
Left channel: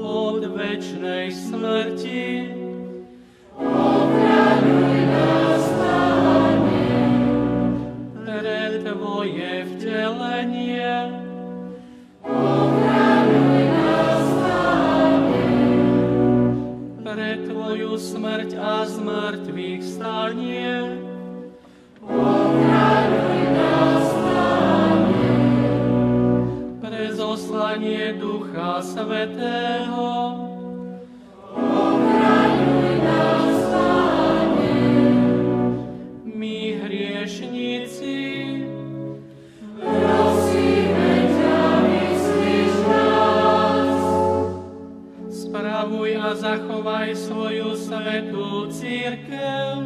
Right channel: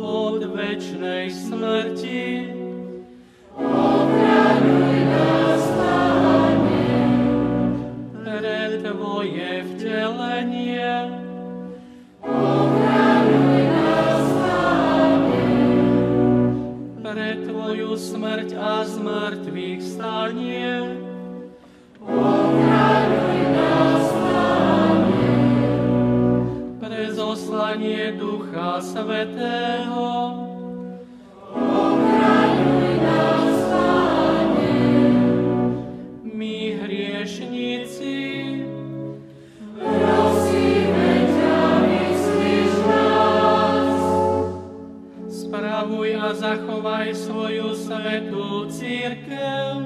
od večnej smrti, pre Tvoje vtelenie, pre Tvoju smrť a zmrtvých stanie, pre zoslanie Ducha Svätého, my hriešnici, spravuj a zachovaj svoju svätú cirkev,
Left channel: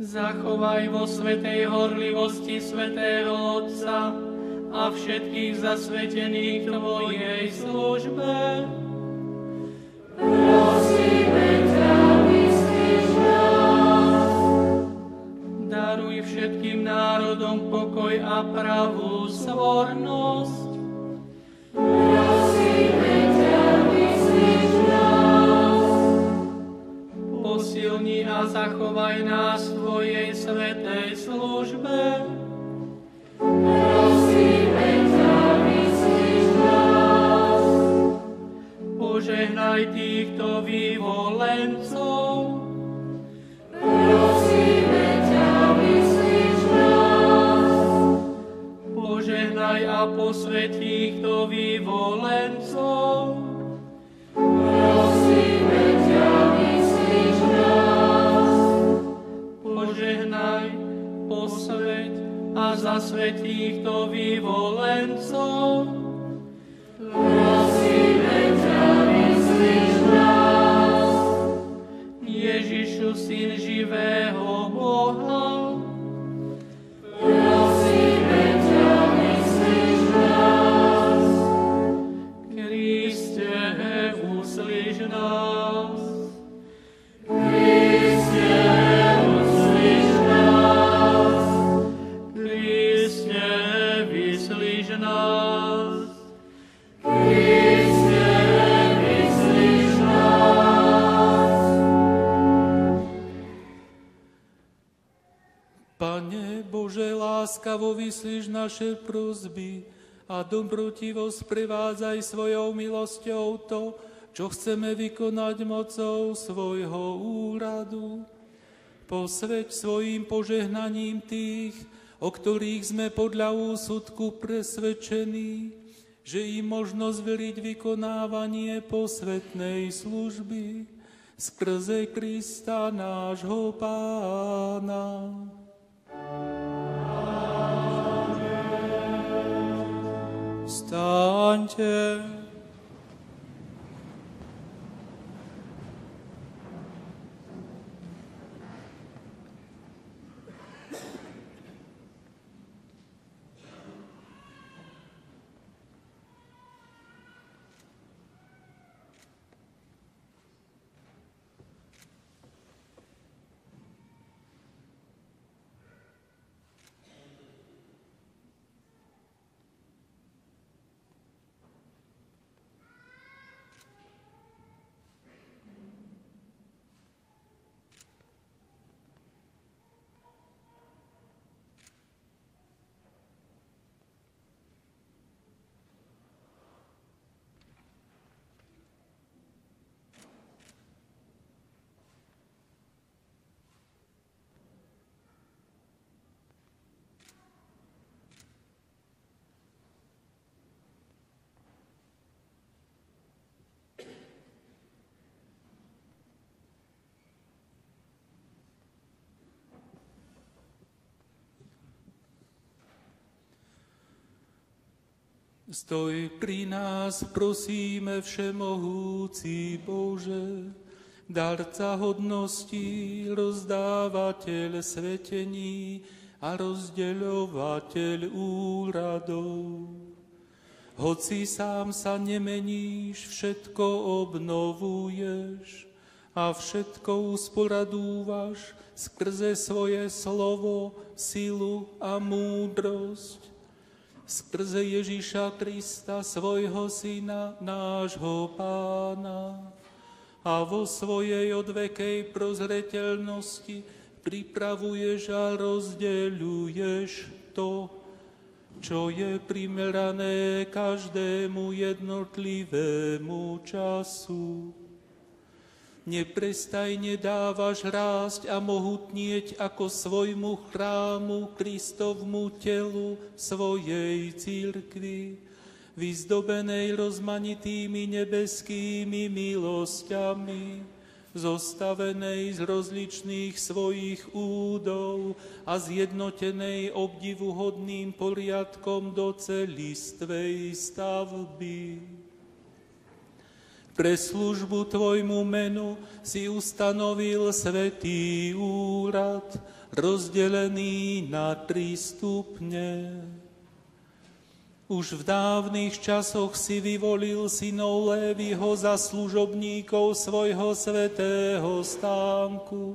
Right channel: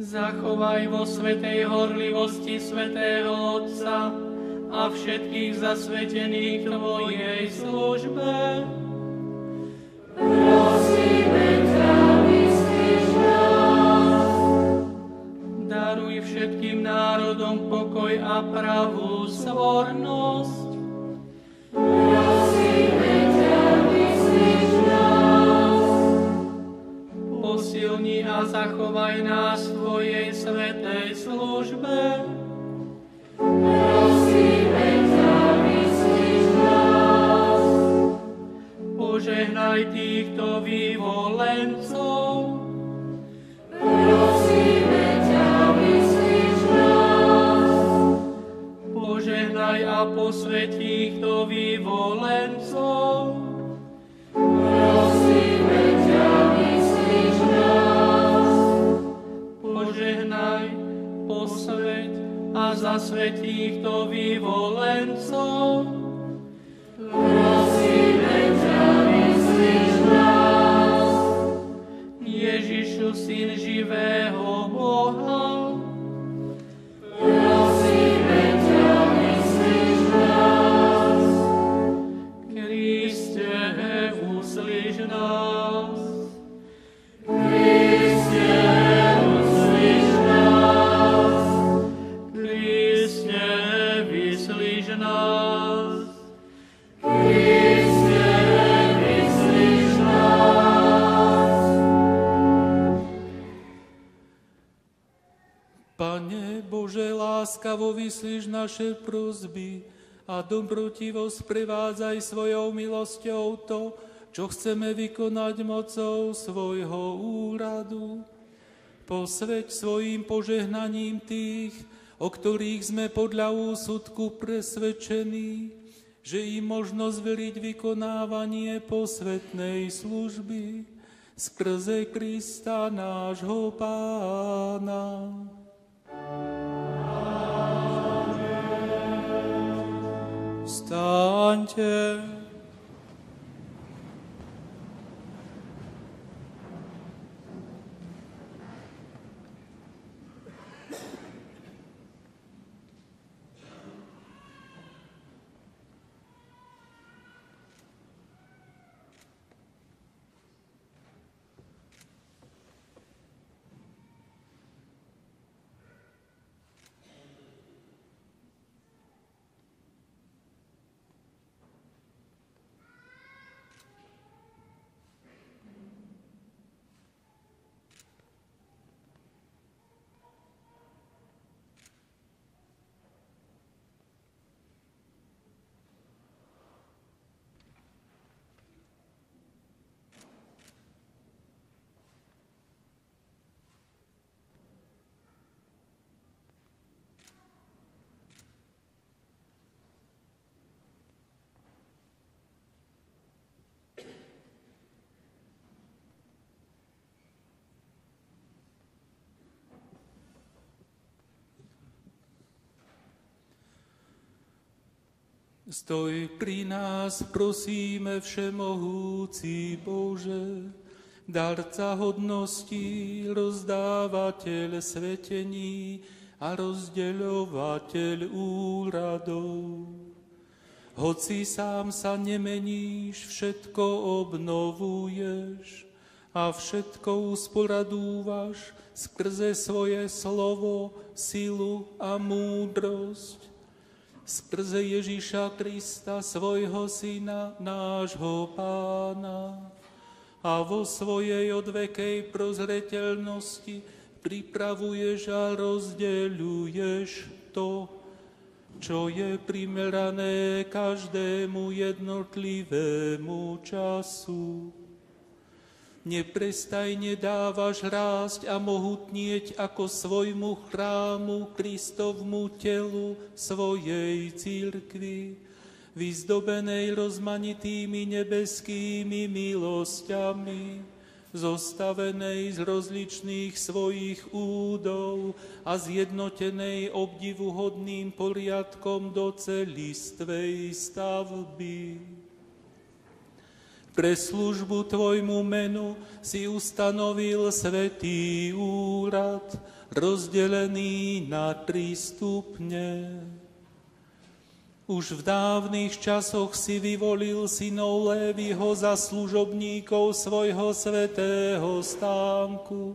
zachovaj vo svätej horlivosti svätého Otca a všetkých zasvetených Tvojej službe. Daruj všetkým národom pokoj a pravú svornosť. Posilni a zachovaj nás v Tvojej svätej službe. Požehnaj týchto vyvolencov. Požehnaj a posväť týchto vyvolencov. Požehnaj, posväť a zasväť týchto vyvolencov. Ježišu, Syn živého Boha, Kriste, uslíš nás. Kriste, uslíš nás. Kriste, vyslíš nás. Kriste, vyslíš nás. Pane Bože, láskavo vyslíš naše prosby a dobrotivo sprevádzaj svojou milosťou to, čo chceme vykonať mocou svojho úradu. Posväť svojim požehnaním tých, o ktorých sme podľa úsudku presvedčení, že im možno zveriť vykonávanie posvätnej služby skrze Krista nášho Pána. Vstaňte. Stoj pri nás, prosíme, všemohúci Bože, darca hodností, rozdávateľ svetení a rozdeľovateľ úradov. Hoci sám sa nemeníš, všetko obnovuješ a všetko usporadúvaš skrze svoje slovo, silu a múdrosť. Skrze Ježiša Krista, svojho Syna, nášho Pána, a vo svojej odvekej prozreteľnosti pripravuješ a rozdeľuješ to, čo je primerané každému jednotlivému času. Neprestajne dávaš rásť a mohutnieť ako svojmu chrámu, Kristovmu telu, svojej cirkvi, vyzdobenej rozmanitými nebeskými milosťami, zostavenej z rozličných svojich údov a zjednotenej obdivuhodným poriadkom do celistvej stavby. Pre službu Tvojmu menu si ustanovil svätý úrad, rozdelený na 3 stupne. Už v dávnych časoch si vyvolil synov Léviho za služobníkov svojho svätého stánku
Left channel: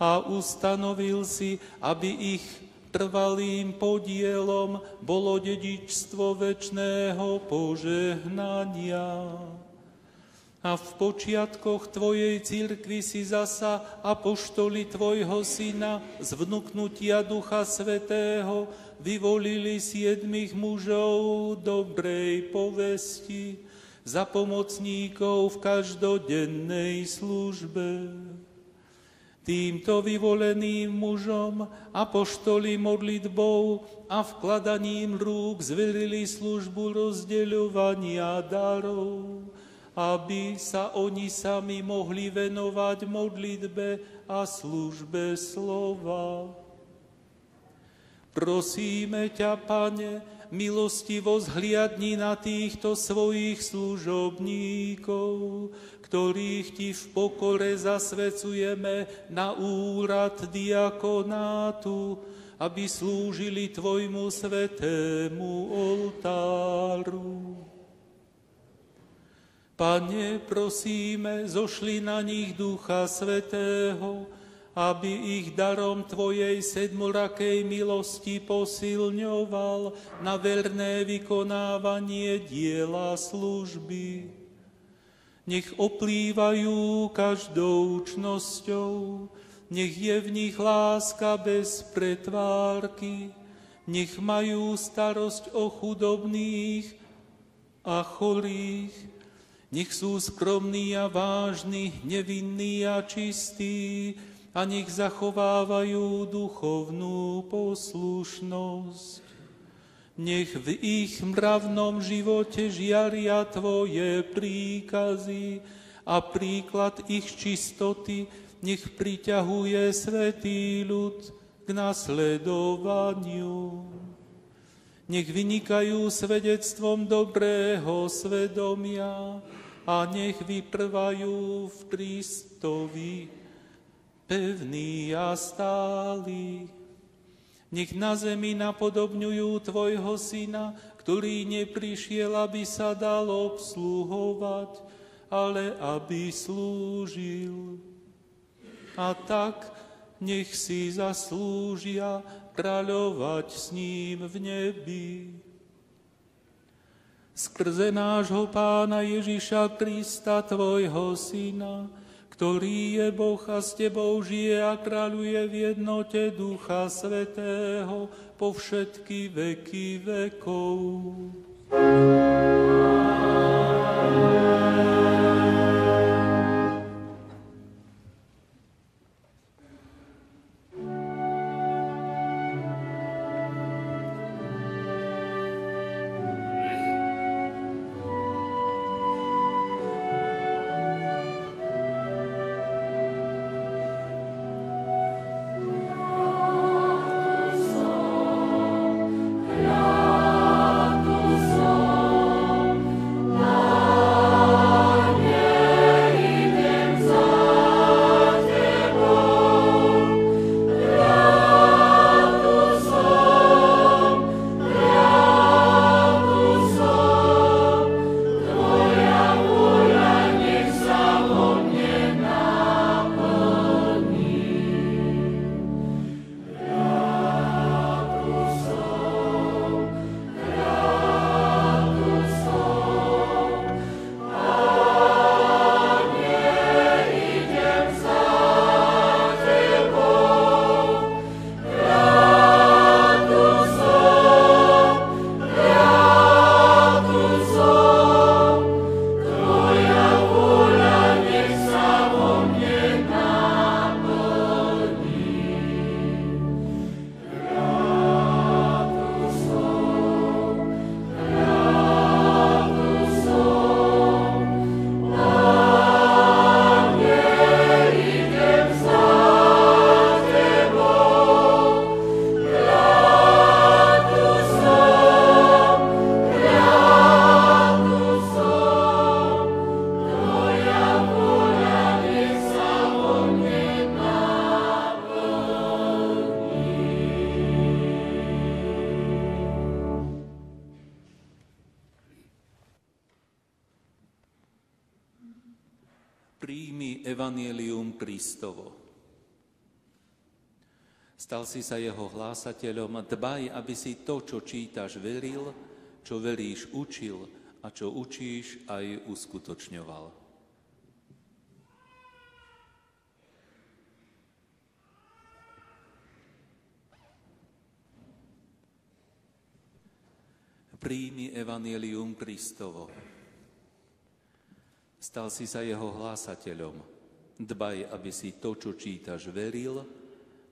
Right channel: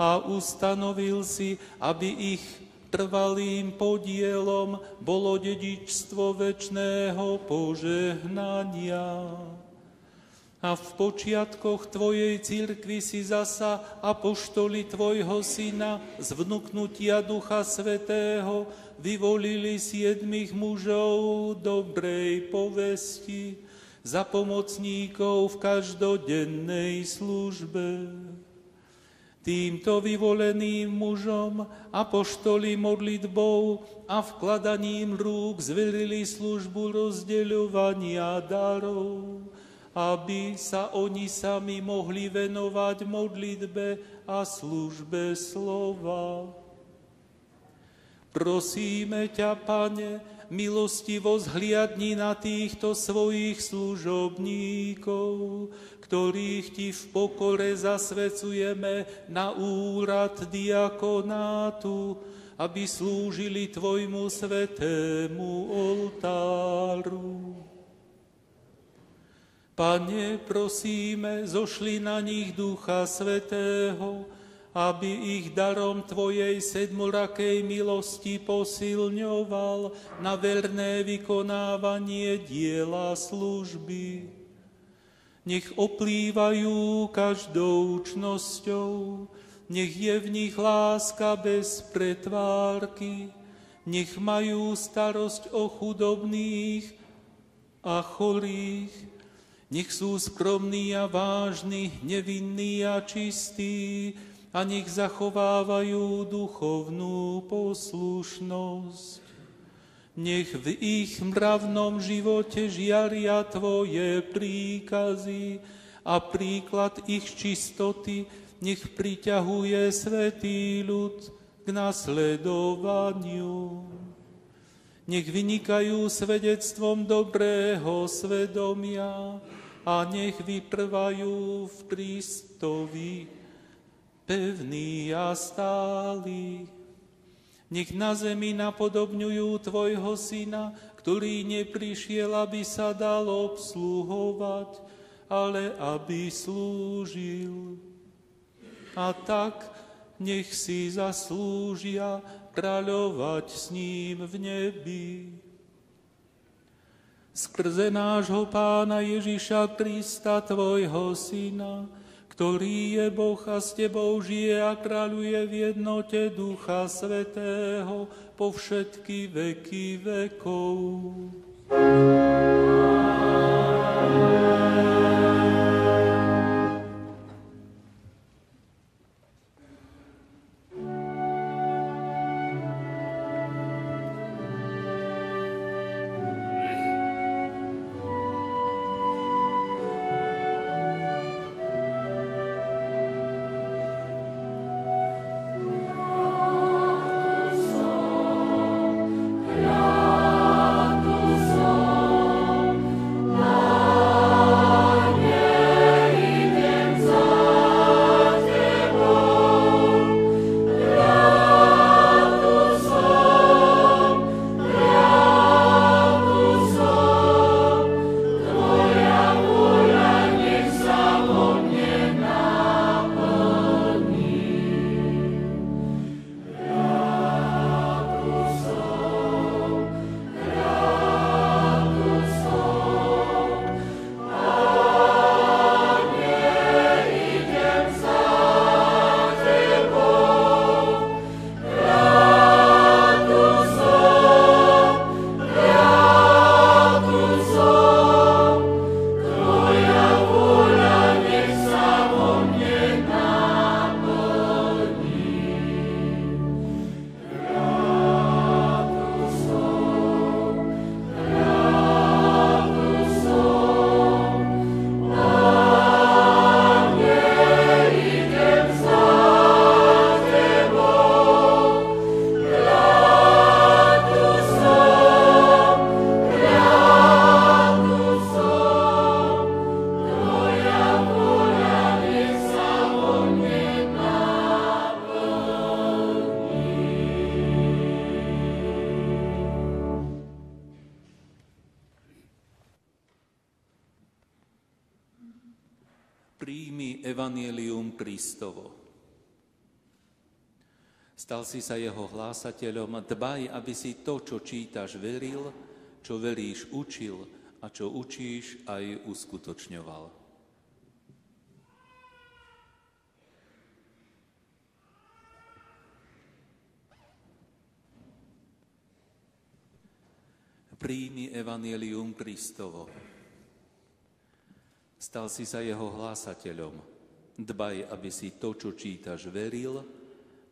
a ustanovil si, aby ich trvalým podielom bolo dedičstvo večného požehnania. A v počiatkoch Tvojej cirkvi si zasa apoštoli Tvojho Syna z vnuknutia Ducha Svätého vyvolili 7 mužov dobrej povesti za pomocníkov v každodennej službe. Týmto vyvoleným mužom apoštoli modlitbou a vkladaním rúk zverili službu rozdeľovania darov, aby sa oni sami mohli venovať modlitbe a službe slova. Prosíme ťa, Pane, milostivo zhliadni na týchto svojich služobníkov, ktorých Ti v pokore zasvecujeme na úrad diakonátu, aby slúžili Tvojmu svätému oltáru. Pane, prosíme, zošli na nich Ducha Svätého, aby ich darom Tvojej sedmorakej milosti posilňoval na verné vykonávanie diela služby. Nech oplývajú každou čnosťou, nech je v nich láska bez pretvárky, nech majú starosť o chudobných a chorých, nech sú skromní a vážni, nevinní a čistí, a nech zachovávajú duchovnú poslušnosť. Nech v ich mravnom živote žiaria Tvoje príkazy a príklad ich čistoty nech priťahuje svätý ľud k nasledovaniu. Nech vynikajú svedectvom dobrého svedomia a nech vytrvajú v Kristovi pevný a stály. Nech na zemi napodobňujú tvojho syna, ktorý neprišiel, aby sa dal obsluhovať, ale aby slúžil. A tak nech si zaslúžia kráľovať s ním v nebi. Skrze nášho Pána Ježiša Krista, tvojho syna, ktorý je Boh a s tebou žije a kráľuje v jednote Ducha Svätého po všetky veky vekov. Príjmi evanjelium Kristovo. Stal si sa jeho hlásateľom, dbaj, aby si to, čo čítaš, veril, čo veríš, učil a čo učíš, aj uskutočňoval. Príjmi evanjelium Kristovo. Stal si sa jeho hlásateľom. Dbaj, aby si to, čo čítaš, veril,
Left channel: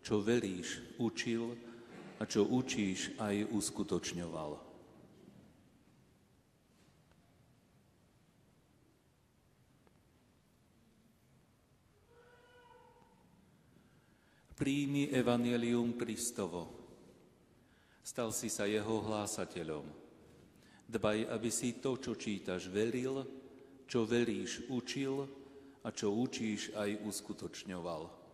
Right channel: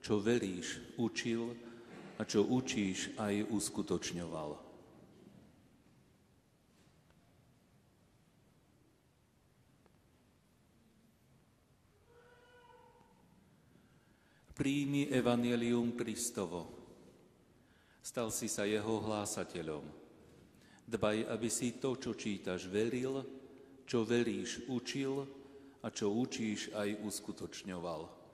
čo veríš, učil a čo učíš, aj uskutočňoval. Príjmi evanjelium Kristovo. Stal si sa jeho hlásateľom. Dbaj, aby si to, čo čítaš, veril, čo veríš, učil a čo učíš, aj uskutočňoval.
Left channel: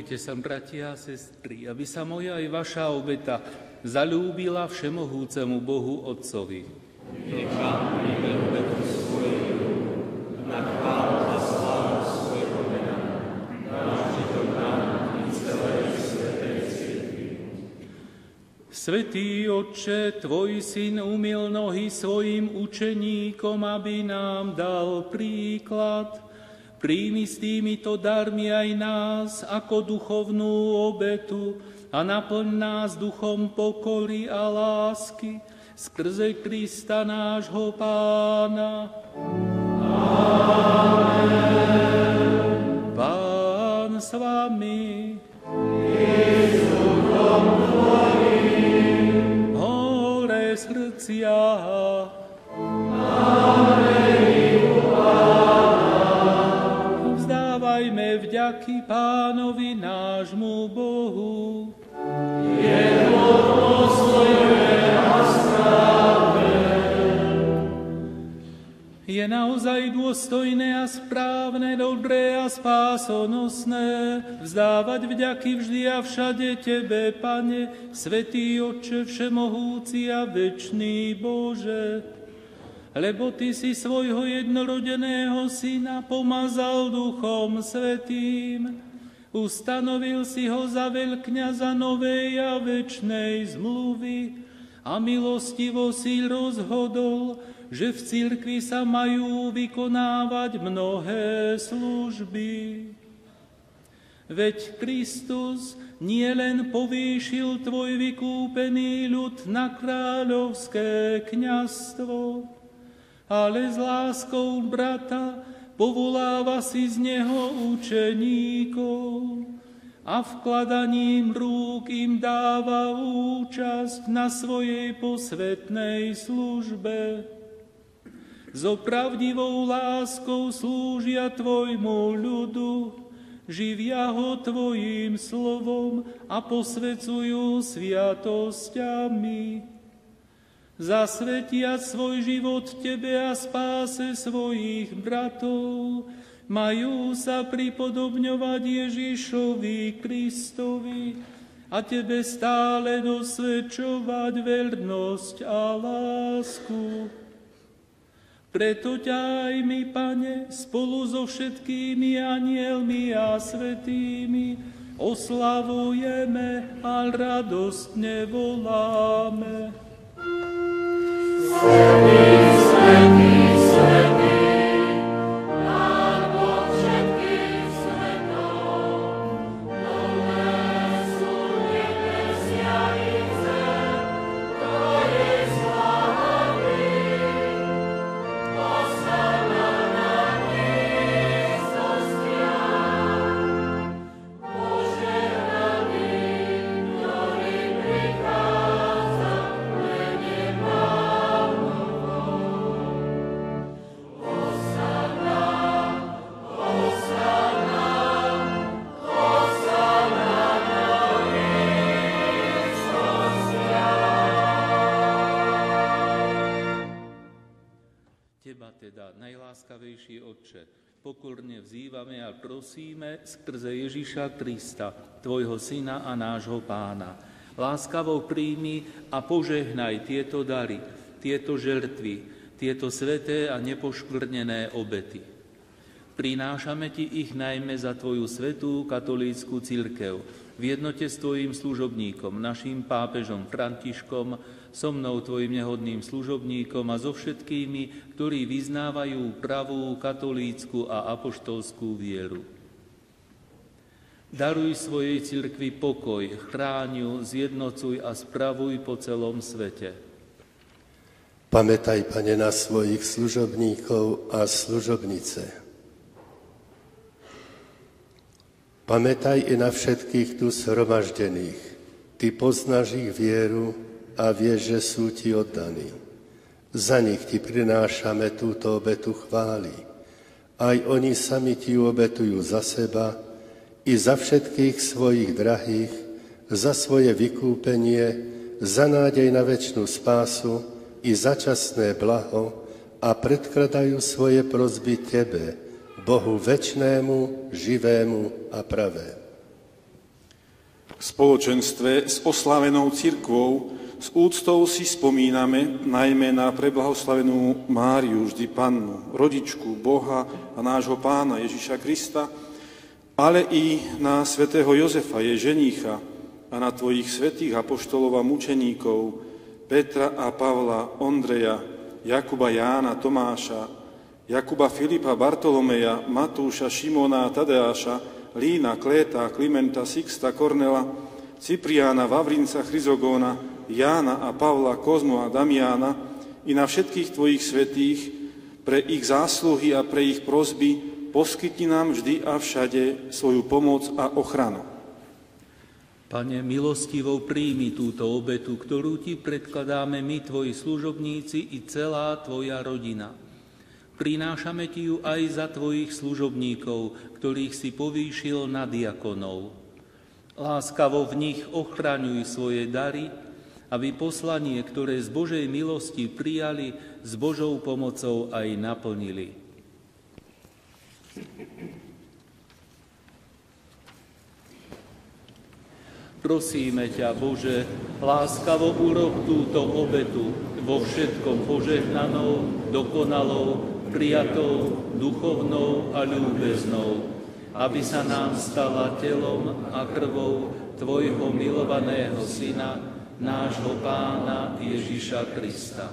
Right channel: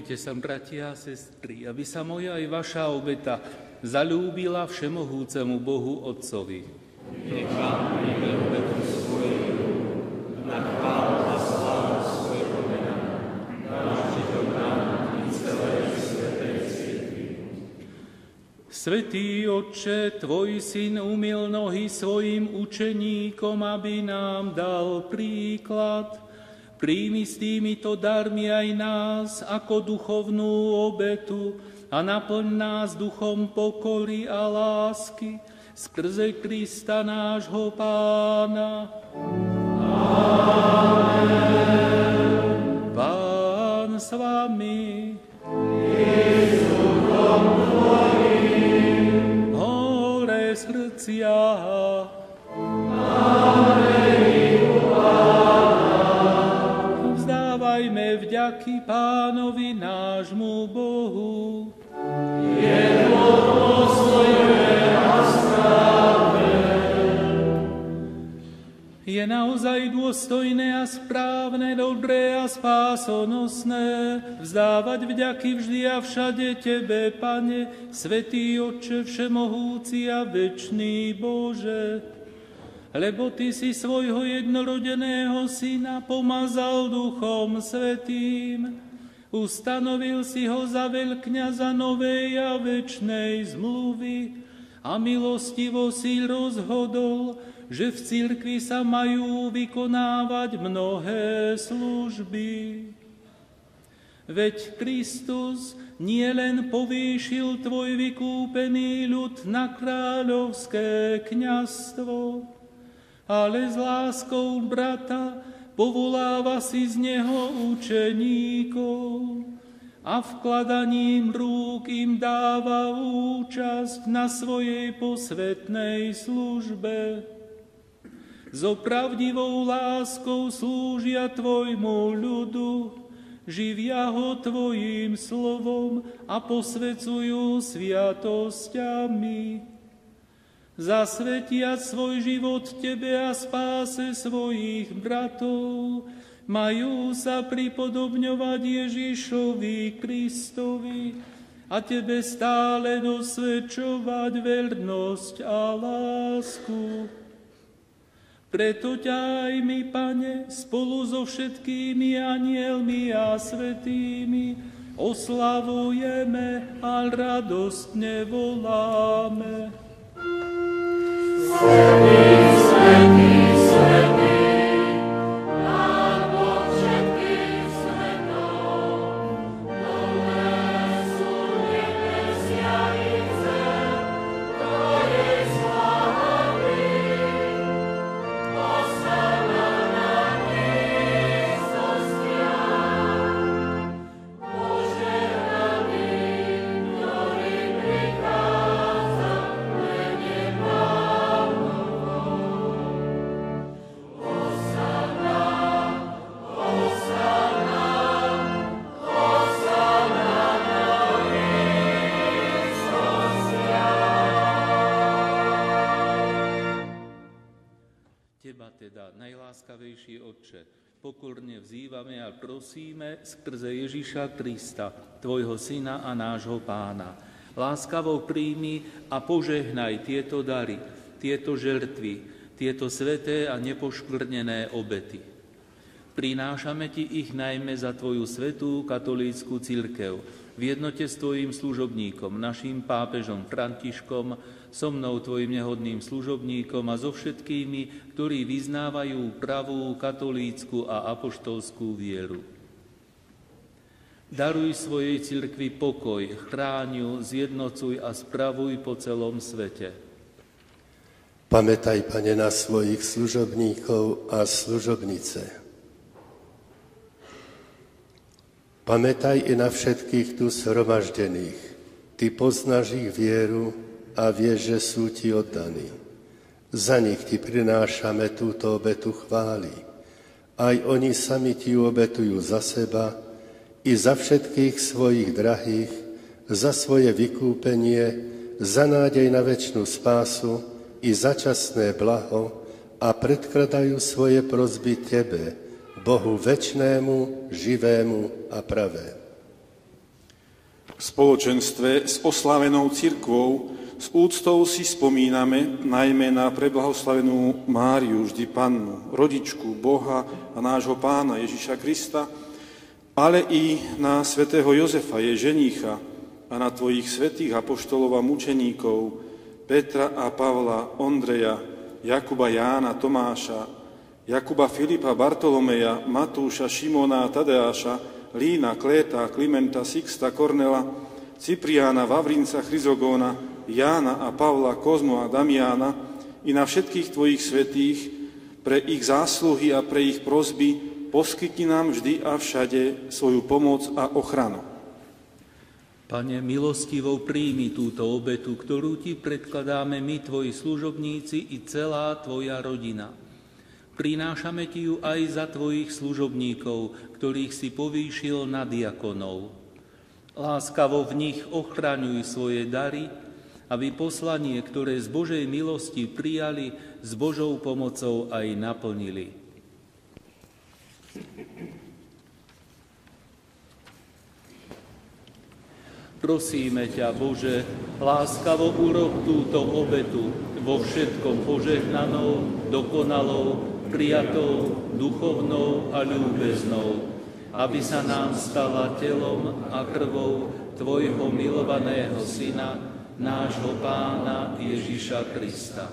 Modlite sa, bratia a sestry, aby sa moja aj vaša obeta zalúbila všemohúcemu Bohu Otcovi. Nech vám Svätý Otče, Tvoj Syn umyl nohy svojim učeníkom, aby nám dal príklad. Príjmi s týmito darmi aj nás ako duchovnú obetu a naplň nás duchom pokory a lásky skrze Krista nášho Pána. Amen. Pán s vami. Hore srdcia. Vzdávajme vďaky Pánovi nášmu Bohu. Je naozaj dôstojné a správne, dobré a spásonosné vzdávať vďaky vždy a všade Tebe, Pane, Svätý Otče všemohúci a večný Bože. Lebo Ty si svojho jednorodeného Syna pomazal Duchom Svätým, ustanovil si ho za veľkňaza novej a večnej zmluvy a milostivo si rozhodol, že v cirkvi sa majú vykonávať mnohé služby. Veď Kristus nielen povýšil Tvoj vykúpený ľud na kráľovské kňazstvo, ale s láskou brata povoláva si z neho učeníkov a vkladaním rúk im dáva účasť na svojej posvätnej službe. So pravdivou láskou slúžia Tvojmu ľudu, živia ho Tvojím slovom a posväcujú sviatosťami. Zasvetia svoj život Tebe a spáse svojich bratov, majú sa pripodobňovať Ježišovi Kristovi a Tebe stále dosvedčovať vernosť a lásku. Preto ťa aj my, Pane, spolu so všetkými anielmi a svätými oslavujeme a radostne voláme. Svätý, svätý, svätý, Pán Boh všetkých svetov, nové sú nebesia i zem, Tvojej slávy. Hosanna na výsostiach, požehnaný, ktorý prichádza v mene Pánovom. Hosanna, Hosanna, Hosanna na výsostiach. Teba teda, najláskavejší Otče, pokorne vzývame a prosíme skrze Ježiša Krista, Tvojho Syna a nášho Pána. Láskavo príjmi a požehnaj tieto dary, tieto žertvy, tieto sveté a nepoškvrnené obety. Prinášame Ti ich najmä za Tvoju svätú katolícku cirkev, v jednote s Tvojim služobníkom, naším pápežom Františkom, so mnou Tvojim nehodným služobníkom a so všetkými, ktorí vyznávajú pravú katolícku a apoštolskú vieru. Daruj svojej cirkvi pokoj, chráň ju, zjednocuj a spravuj po celom svete. Pamätaj, Pane, na svojich služobníkov a služobnice. Pamätaj i na všetkých tu zhromaždených. Ty poznáš ich vieru a vieš, že sú Ti oddaní. Za nich Ti prinášame túto obetu chvály. Aj oni sami Ti obetujú za seba i za všetkých svojich drahých, za svoje vykúpenie, za nádej na večnú spásu i za časné blaho a predkladajú svoje prosby Tebe, Bohu večnému, živému a pravému. V spoločenstve s oslávenou cirkvou s úctou si spomíname najmä na preblahoslavenú Máriu, vždy Pannu, rodičku Boha a nášho Pána Ježiša Krista, ale i na svätého Jozefa, jej ženícha, a na tvojich svätých apoštolov a mučeníkov, Petra a Pavla, Ondreja, Jakuba, Jána, Tomáša, Jakuba, Filipa, Bartolomeja, Matúša, Šimona a Tadeáša, Lína, Kléta, Klimenta, Sixta, Kornela, Cipriána, Vavrinca, Chryzogóna, Jána a Pavla, Kozmu a Damiána i na všetkých tvojich svätých, pre ich zásluhy a pre ich prosby poskytni nám vždy a všade svoju pomoc a ochranu. Pane, milostivo príjmi túto obetu, ktorú ti predkladáme my, tvoji služobníci i celá tvoja rodina. Prinášame ti ju aj za tvojich služobníkov, ktorých si povýšil na diakonov. Láskavo v nich ochraňuj svoje dary, aby poslanie, ktoré z Božej milosti prijali, s Božou pomocou aj naplnili. Prosíme ťa, Bože, láskavo urob túto obetu vo všetkom požehnanou, dokonalou, prijatou, duchovnou a ľúbeznou, aby sa nám stala telom a krvou tvojho milovaného Syna, nášho Pána Ježiša Krista.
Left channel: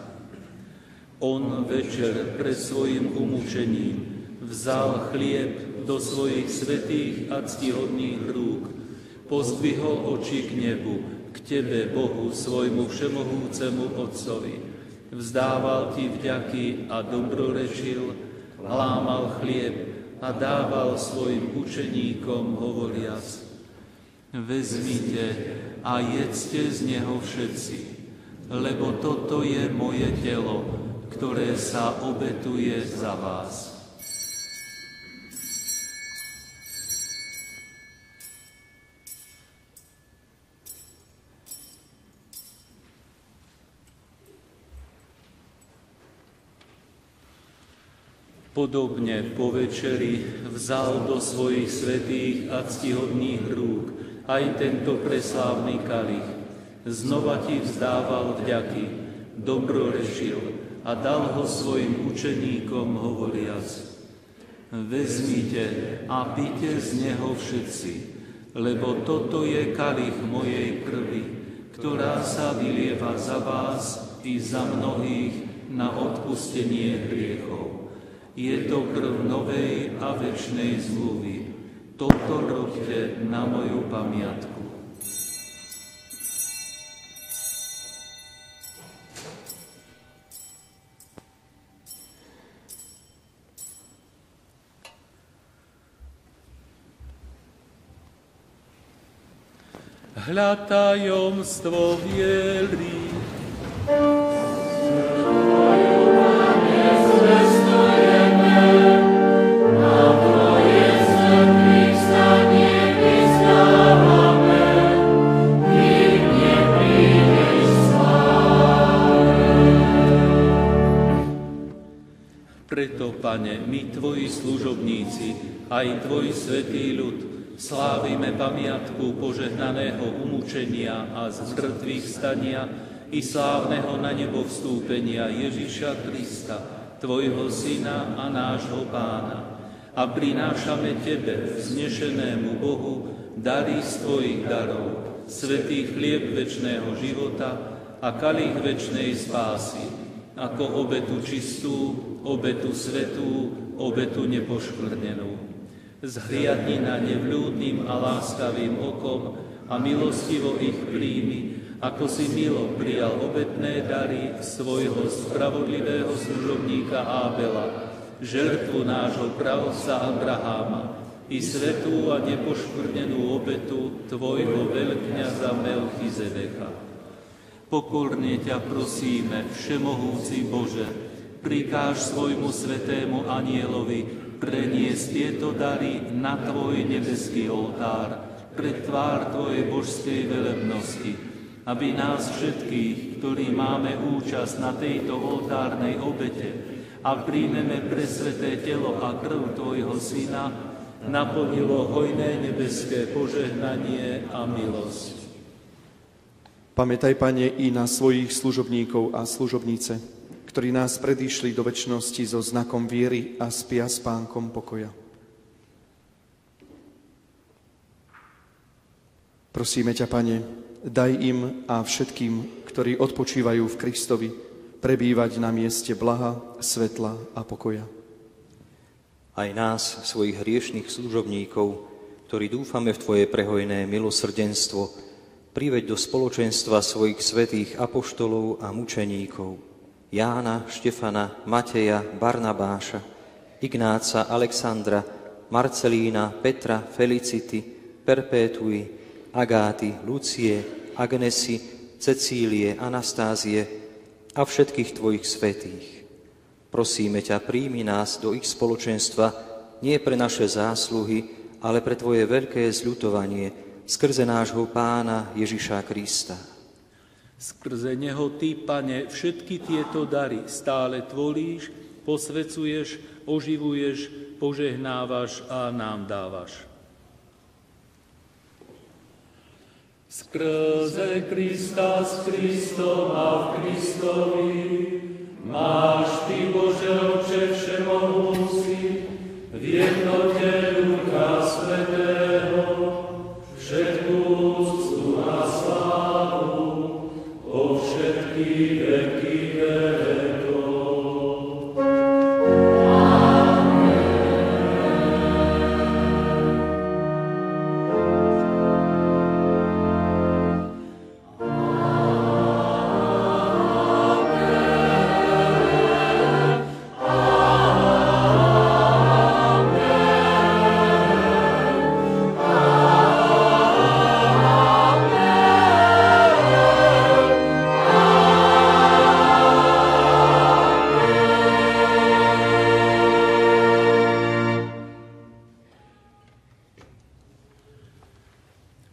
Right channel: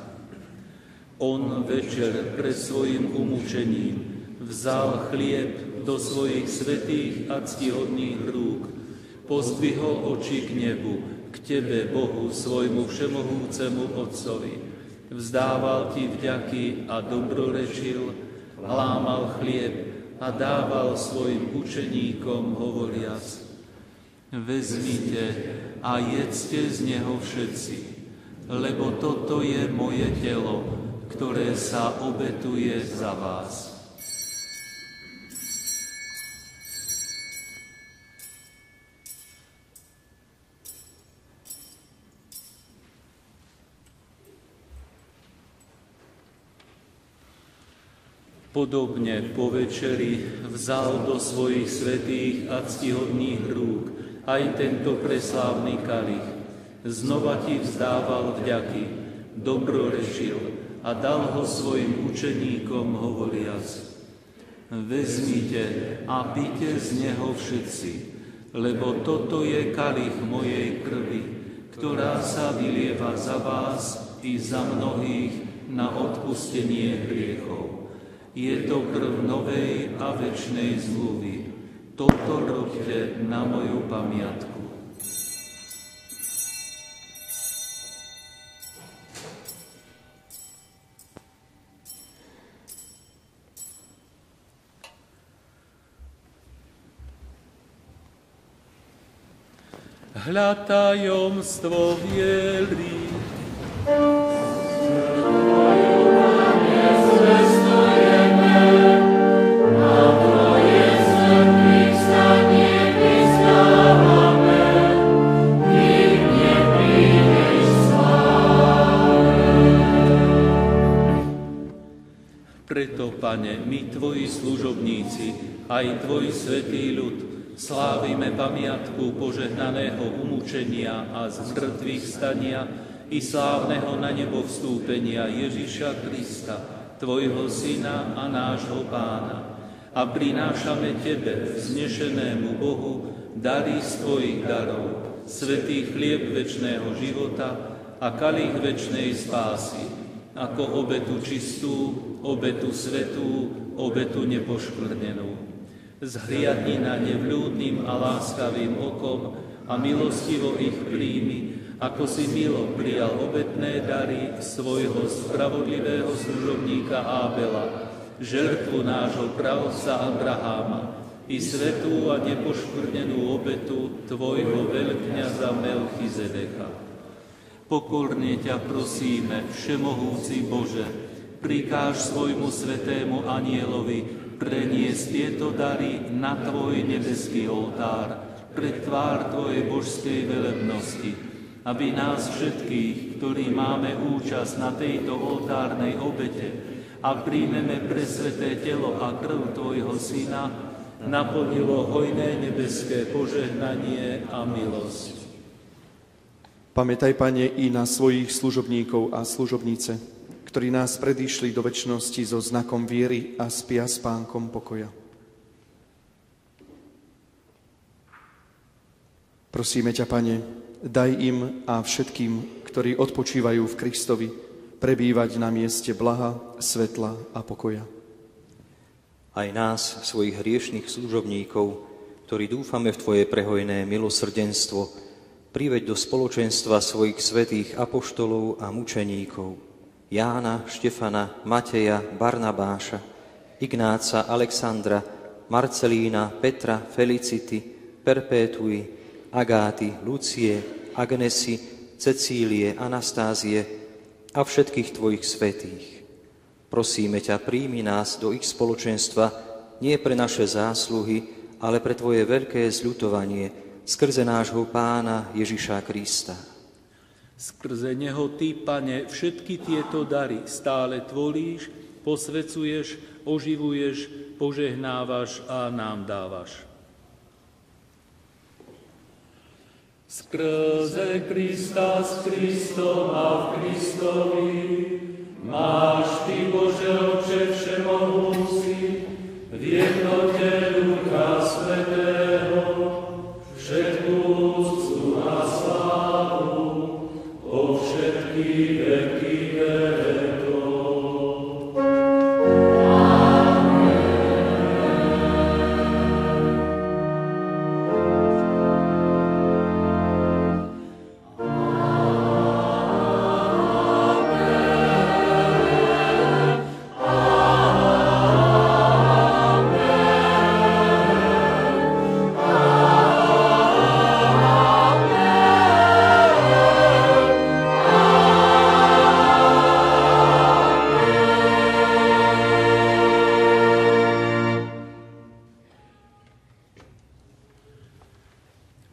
On večer pred svojim umúčením vzal chlieb do svojich svätých a ctihodných rúk, pozdvihol oči k nebu, k Tebe, Bohu, svojmu všemohúcemu Otcovi. Vzdával Ti vďaky a dobrorečil, lámal chlieb a dával svojim učeníkom, hovoriac: Vezmite a jedzte z neho všetci, lebo toto je moje telo, ktoré sa obetuje za vás. Podobne po večeri vzal do svojich svätých a ctihodných rúk aj tento preslávny kalich. Znova ti vzdával vďaky, dobrorečil a dal ho svojim učeníkom, hovoriac: Vezmite a pite z neho všetci, lebo toto je kalich mojej krvi, ktorá sa vylieva za vás i za mnohých na odpustenie hriechov. Je to krv novej a večnej zmluvy. Toto robte na moju pamiatku. Hľa tajomstvo viery. Pane, my Tvoji služobníci, aj Tvoj svätý ľud, slávime pamiatku požehnaného umúčenia a zmrtvých stania i slávneho na nebo vstúpenia Ježiša Krista, Tvojho Syna a nášho Pána. A prinášame Tebe, vznešenému Bohu, dary z Tvojich darov, svätý chlieb večného života a kalich večnej spásy, ako obetu čistú, obetu svätú, obetu nepoškvrnenú. Zhliadni na ne vľúdnym a láskavým okom a milostivo ich príjmi, ako si milo prijal obetné dary svojho spravodlivého služobníka Ábela, žertvu nášho pravca Abraháma i svätú a nepoškvrnenú obetu Tvojho veľkňaza Melchizedecha. Pokorne ťa prosíme, všemohúci Bože, prikáž svojmu svätému anielovi preniesť tieto dary na Tvoj nebeský oltár, pred tvár Tvojej božskej velebnosti, aby nás všetkých, ktorí máme účasť na tejto oltárnej obete a príjmeme presväté telo a krv Tvojho Syna, naplnilo hojné nebeské požehnanie a milosť. Pamätaj, Pane, i na svojich služobníkov a služobnice, ktorí nás predišli do večnosti so znakom viery a spia s Pánkom pokoja. Prosíme ťa, Pane, daj im a všetkým, ktorí odpočívajú v Kristovi, prebývať na mieste blaha, svetla a pokoja. Aj nás, svojich hriešnych služobníkov, ktorí dúfame v Tvoje prehojné milosrdenstvo, priveď do spoločenstva svojich svätých apoštolov a mučeníkov, Jána, Štefana, Mateja, Barnabáša, Ignáca, Alexandra, Marcelína, Petra, Felicity, Perpétuy, Agáty, Lucie, Agnesy, Cecílie, Anastázie a všetkých Tvojich svätých. Prosíme ťa, príjmi nás do ich spoločenstva nie pre naše zásluhy, ale pre Tvoje veľké zľutovanie skrze nášho Pána Ježiša Krista. Skrze Neho Ty, Pane, všetky tieto dary stále tvoríš, posvecuješ, oživuješ, požehnávaš a nám dávaš. Skrze Krista, s Kristom a v Kristovi máš Ty, Bože Otče všemohúci, v jednote Ducha Svätého všetku úctu a slávu po všetky veky vekov.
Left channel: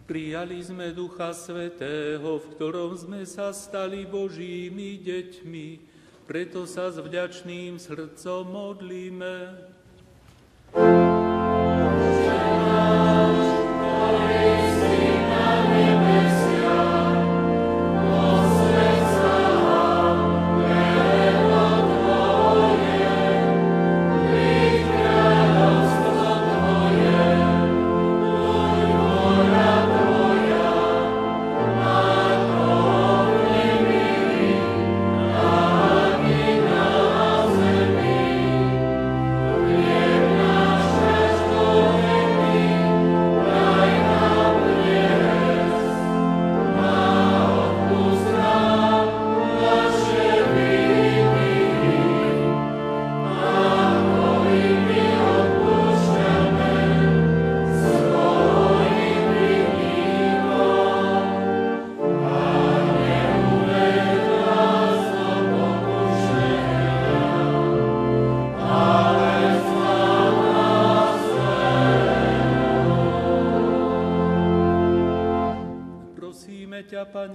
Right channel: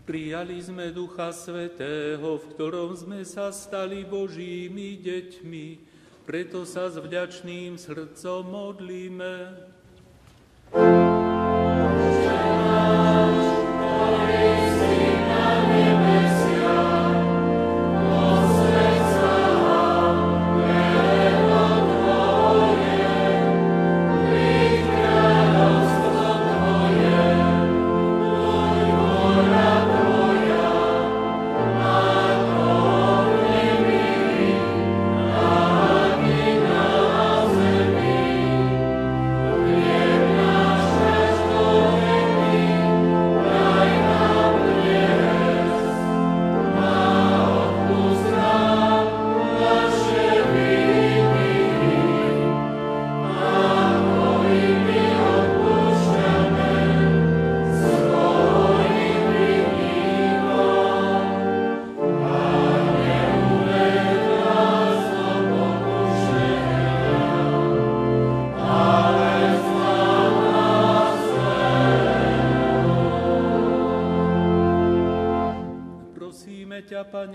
Prijali sme Ducha Svätého, v ktorom sme sa stali Božími deťmi, preto sa s vďačným srdcom modlíme.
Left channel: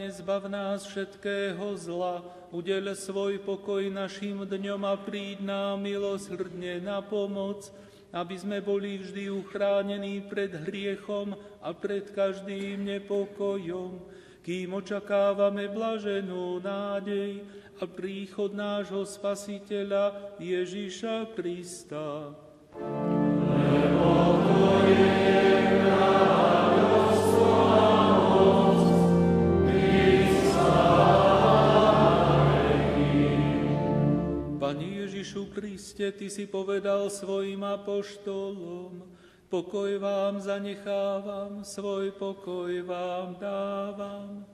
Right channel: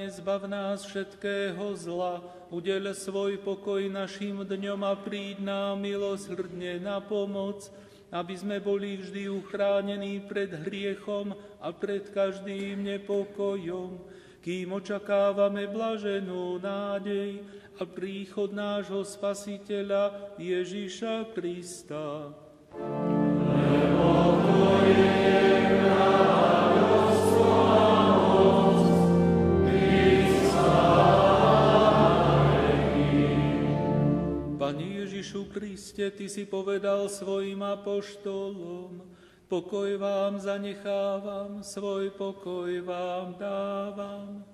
Zbav nás všetkého zla, udeľ svoj pokoj našim dňom a príď nám milosrdne na pomoc, aby sme boli vždy uchránení pred hriechom a pred každým nepokojom, kým očakávame blaženú nádej a príchod nášho Spasiteľa Ježiša Krista. Lebo Tvoje Kriste, Ty si povedal svojim apoštolom, pokoj vám zanechávam, svoj pokoj vám dávam.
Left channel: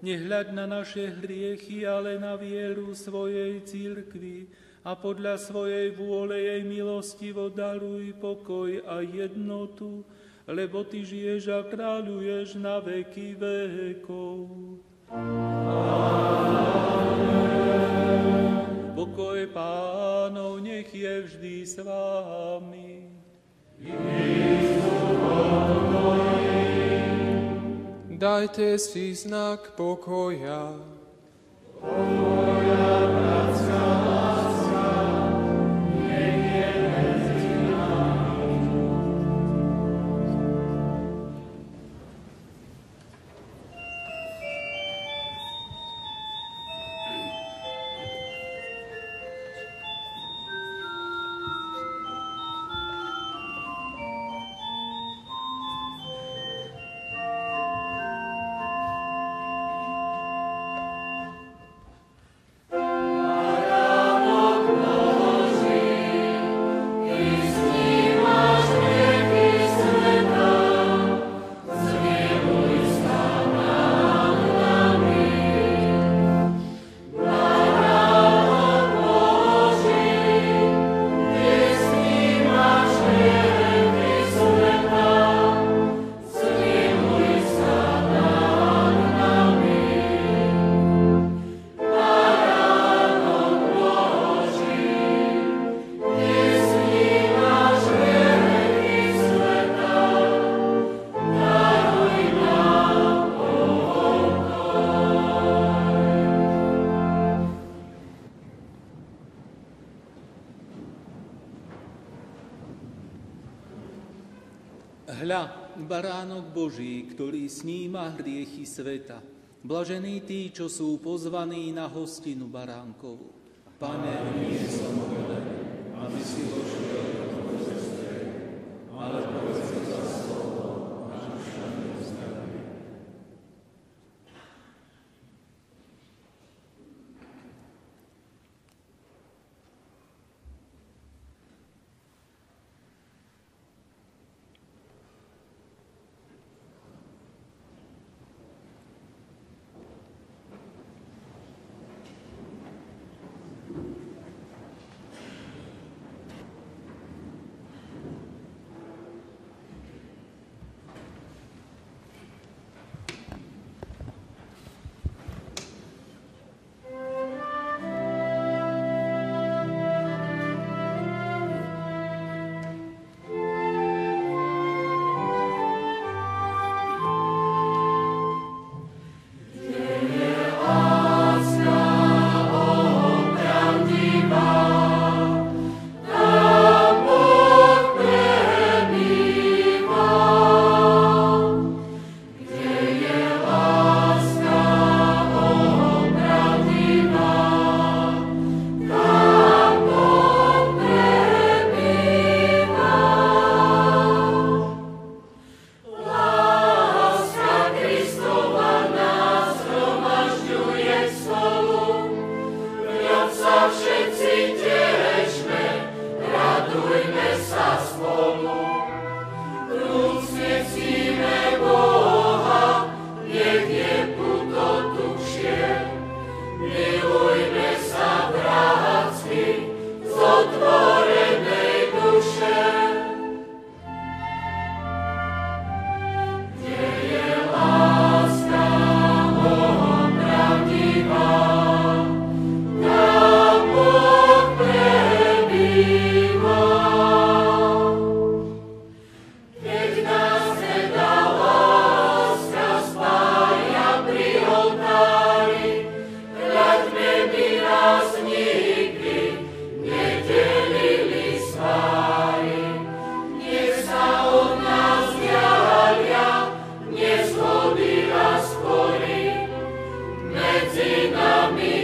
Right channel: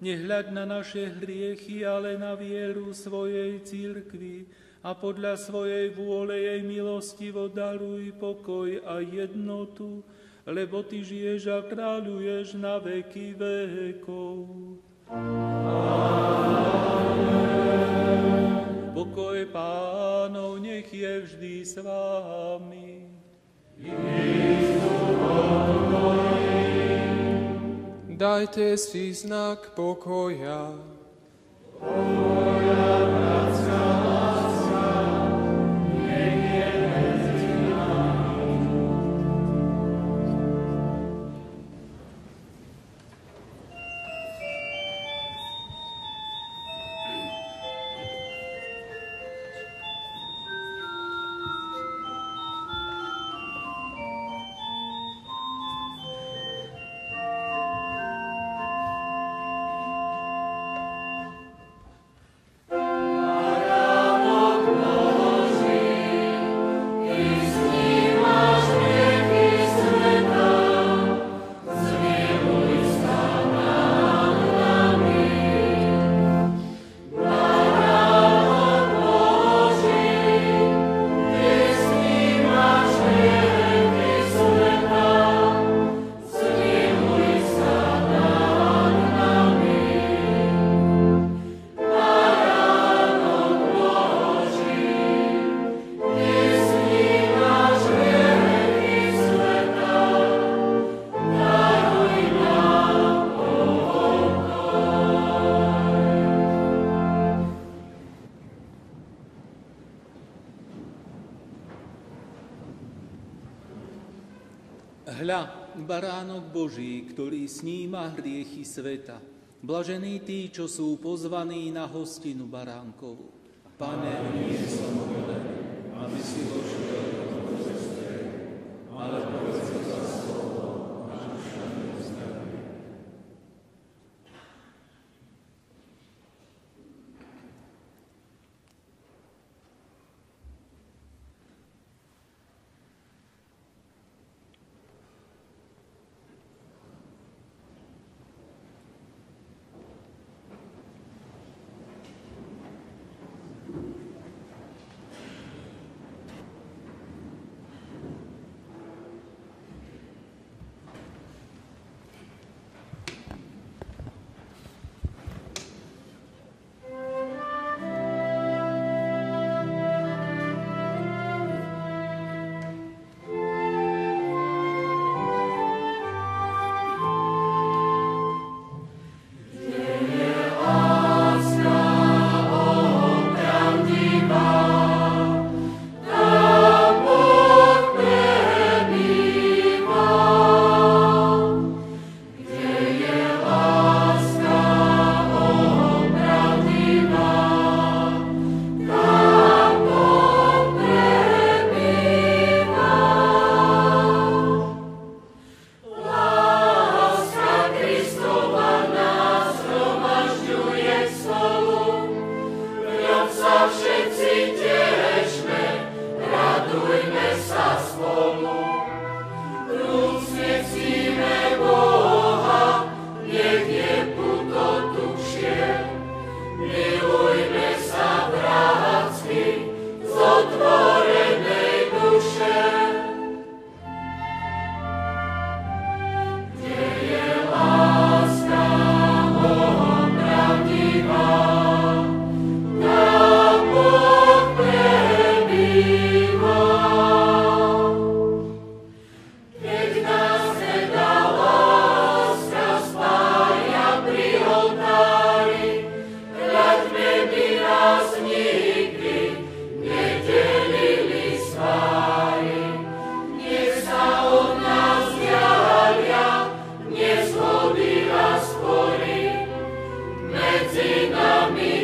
Nehľaď na naše hriechy, ale na vieru svojej cirkvi a podľa svojej vôle jej milostivo daruj pokoj a jednotu, lebo Ty žiješ a kráľuješ na veky vekov. Pokoj Pánov nech je vždy s vámi. Dajte si znak pokoja. Hľa, baránok Boží, ktorý sníma hriechy sveta. Blažení tí, čo sú pozvaní na hostinu baránkovu. Pane, nie som hoden, aby si vošiel do môjho stredu, ale povedz za slovo a duša neuzdraví.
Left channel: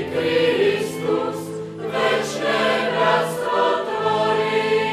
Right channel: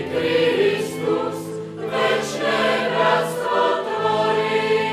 Kristus, večné bratstvo tvorí.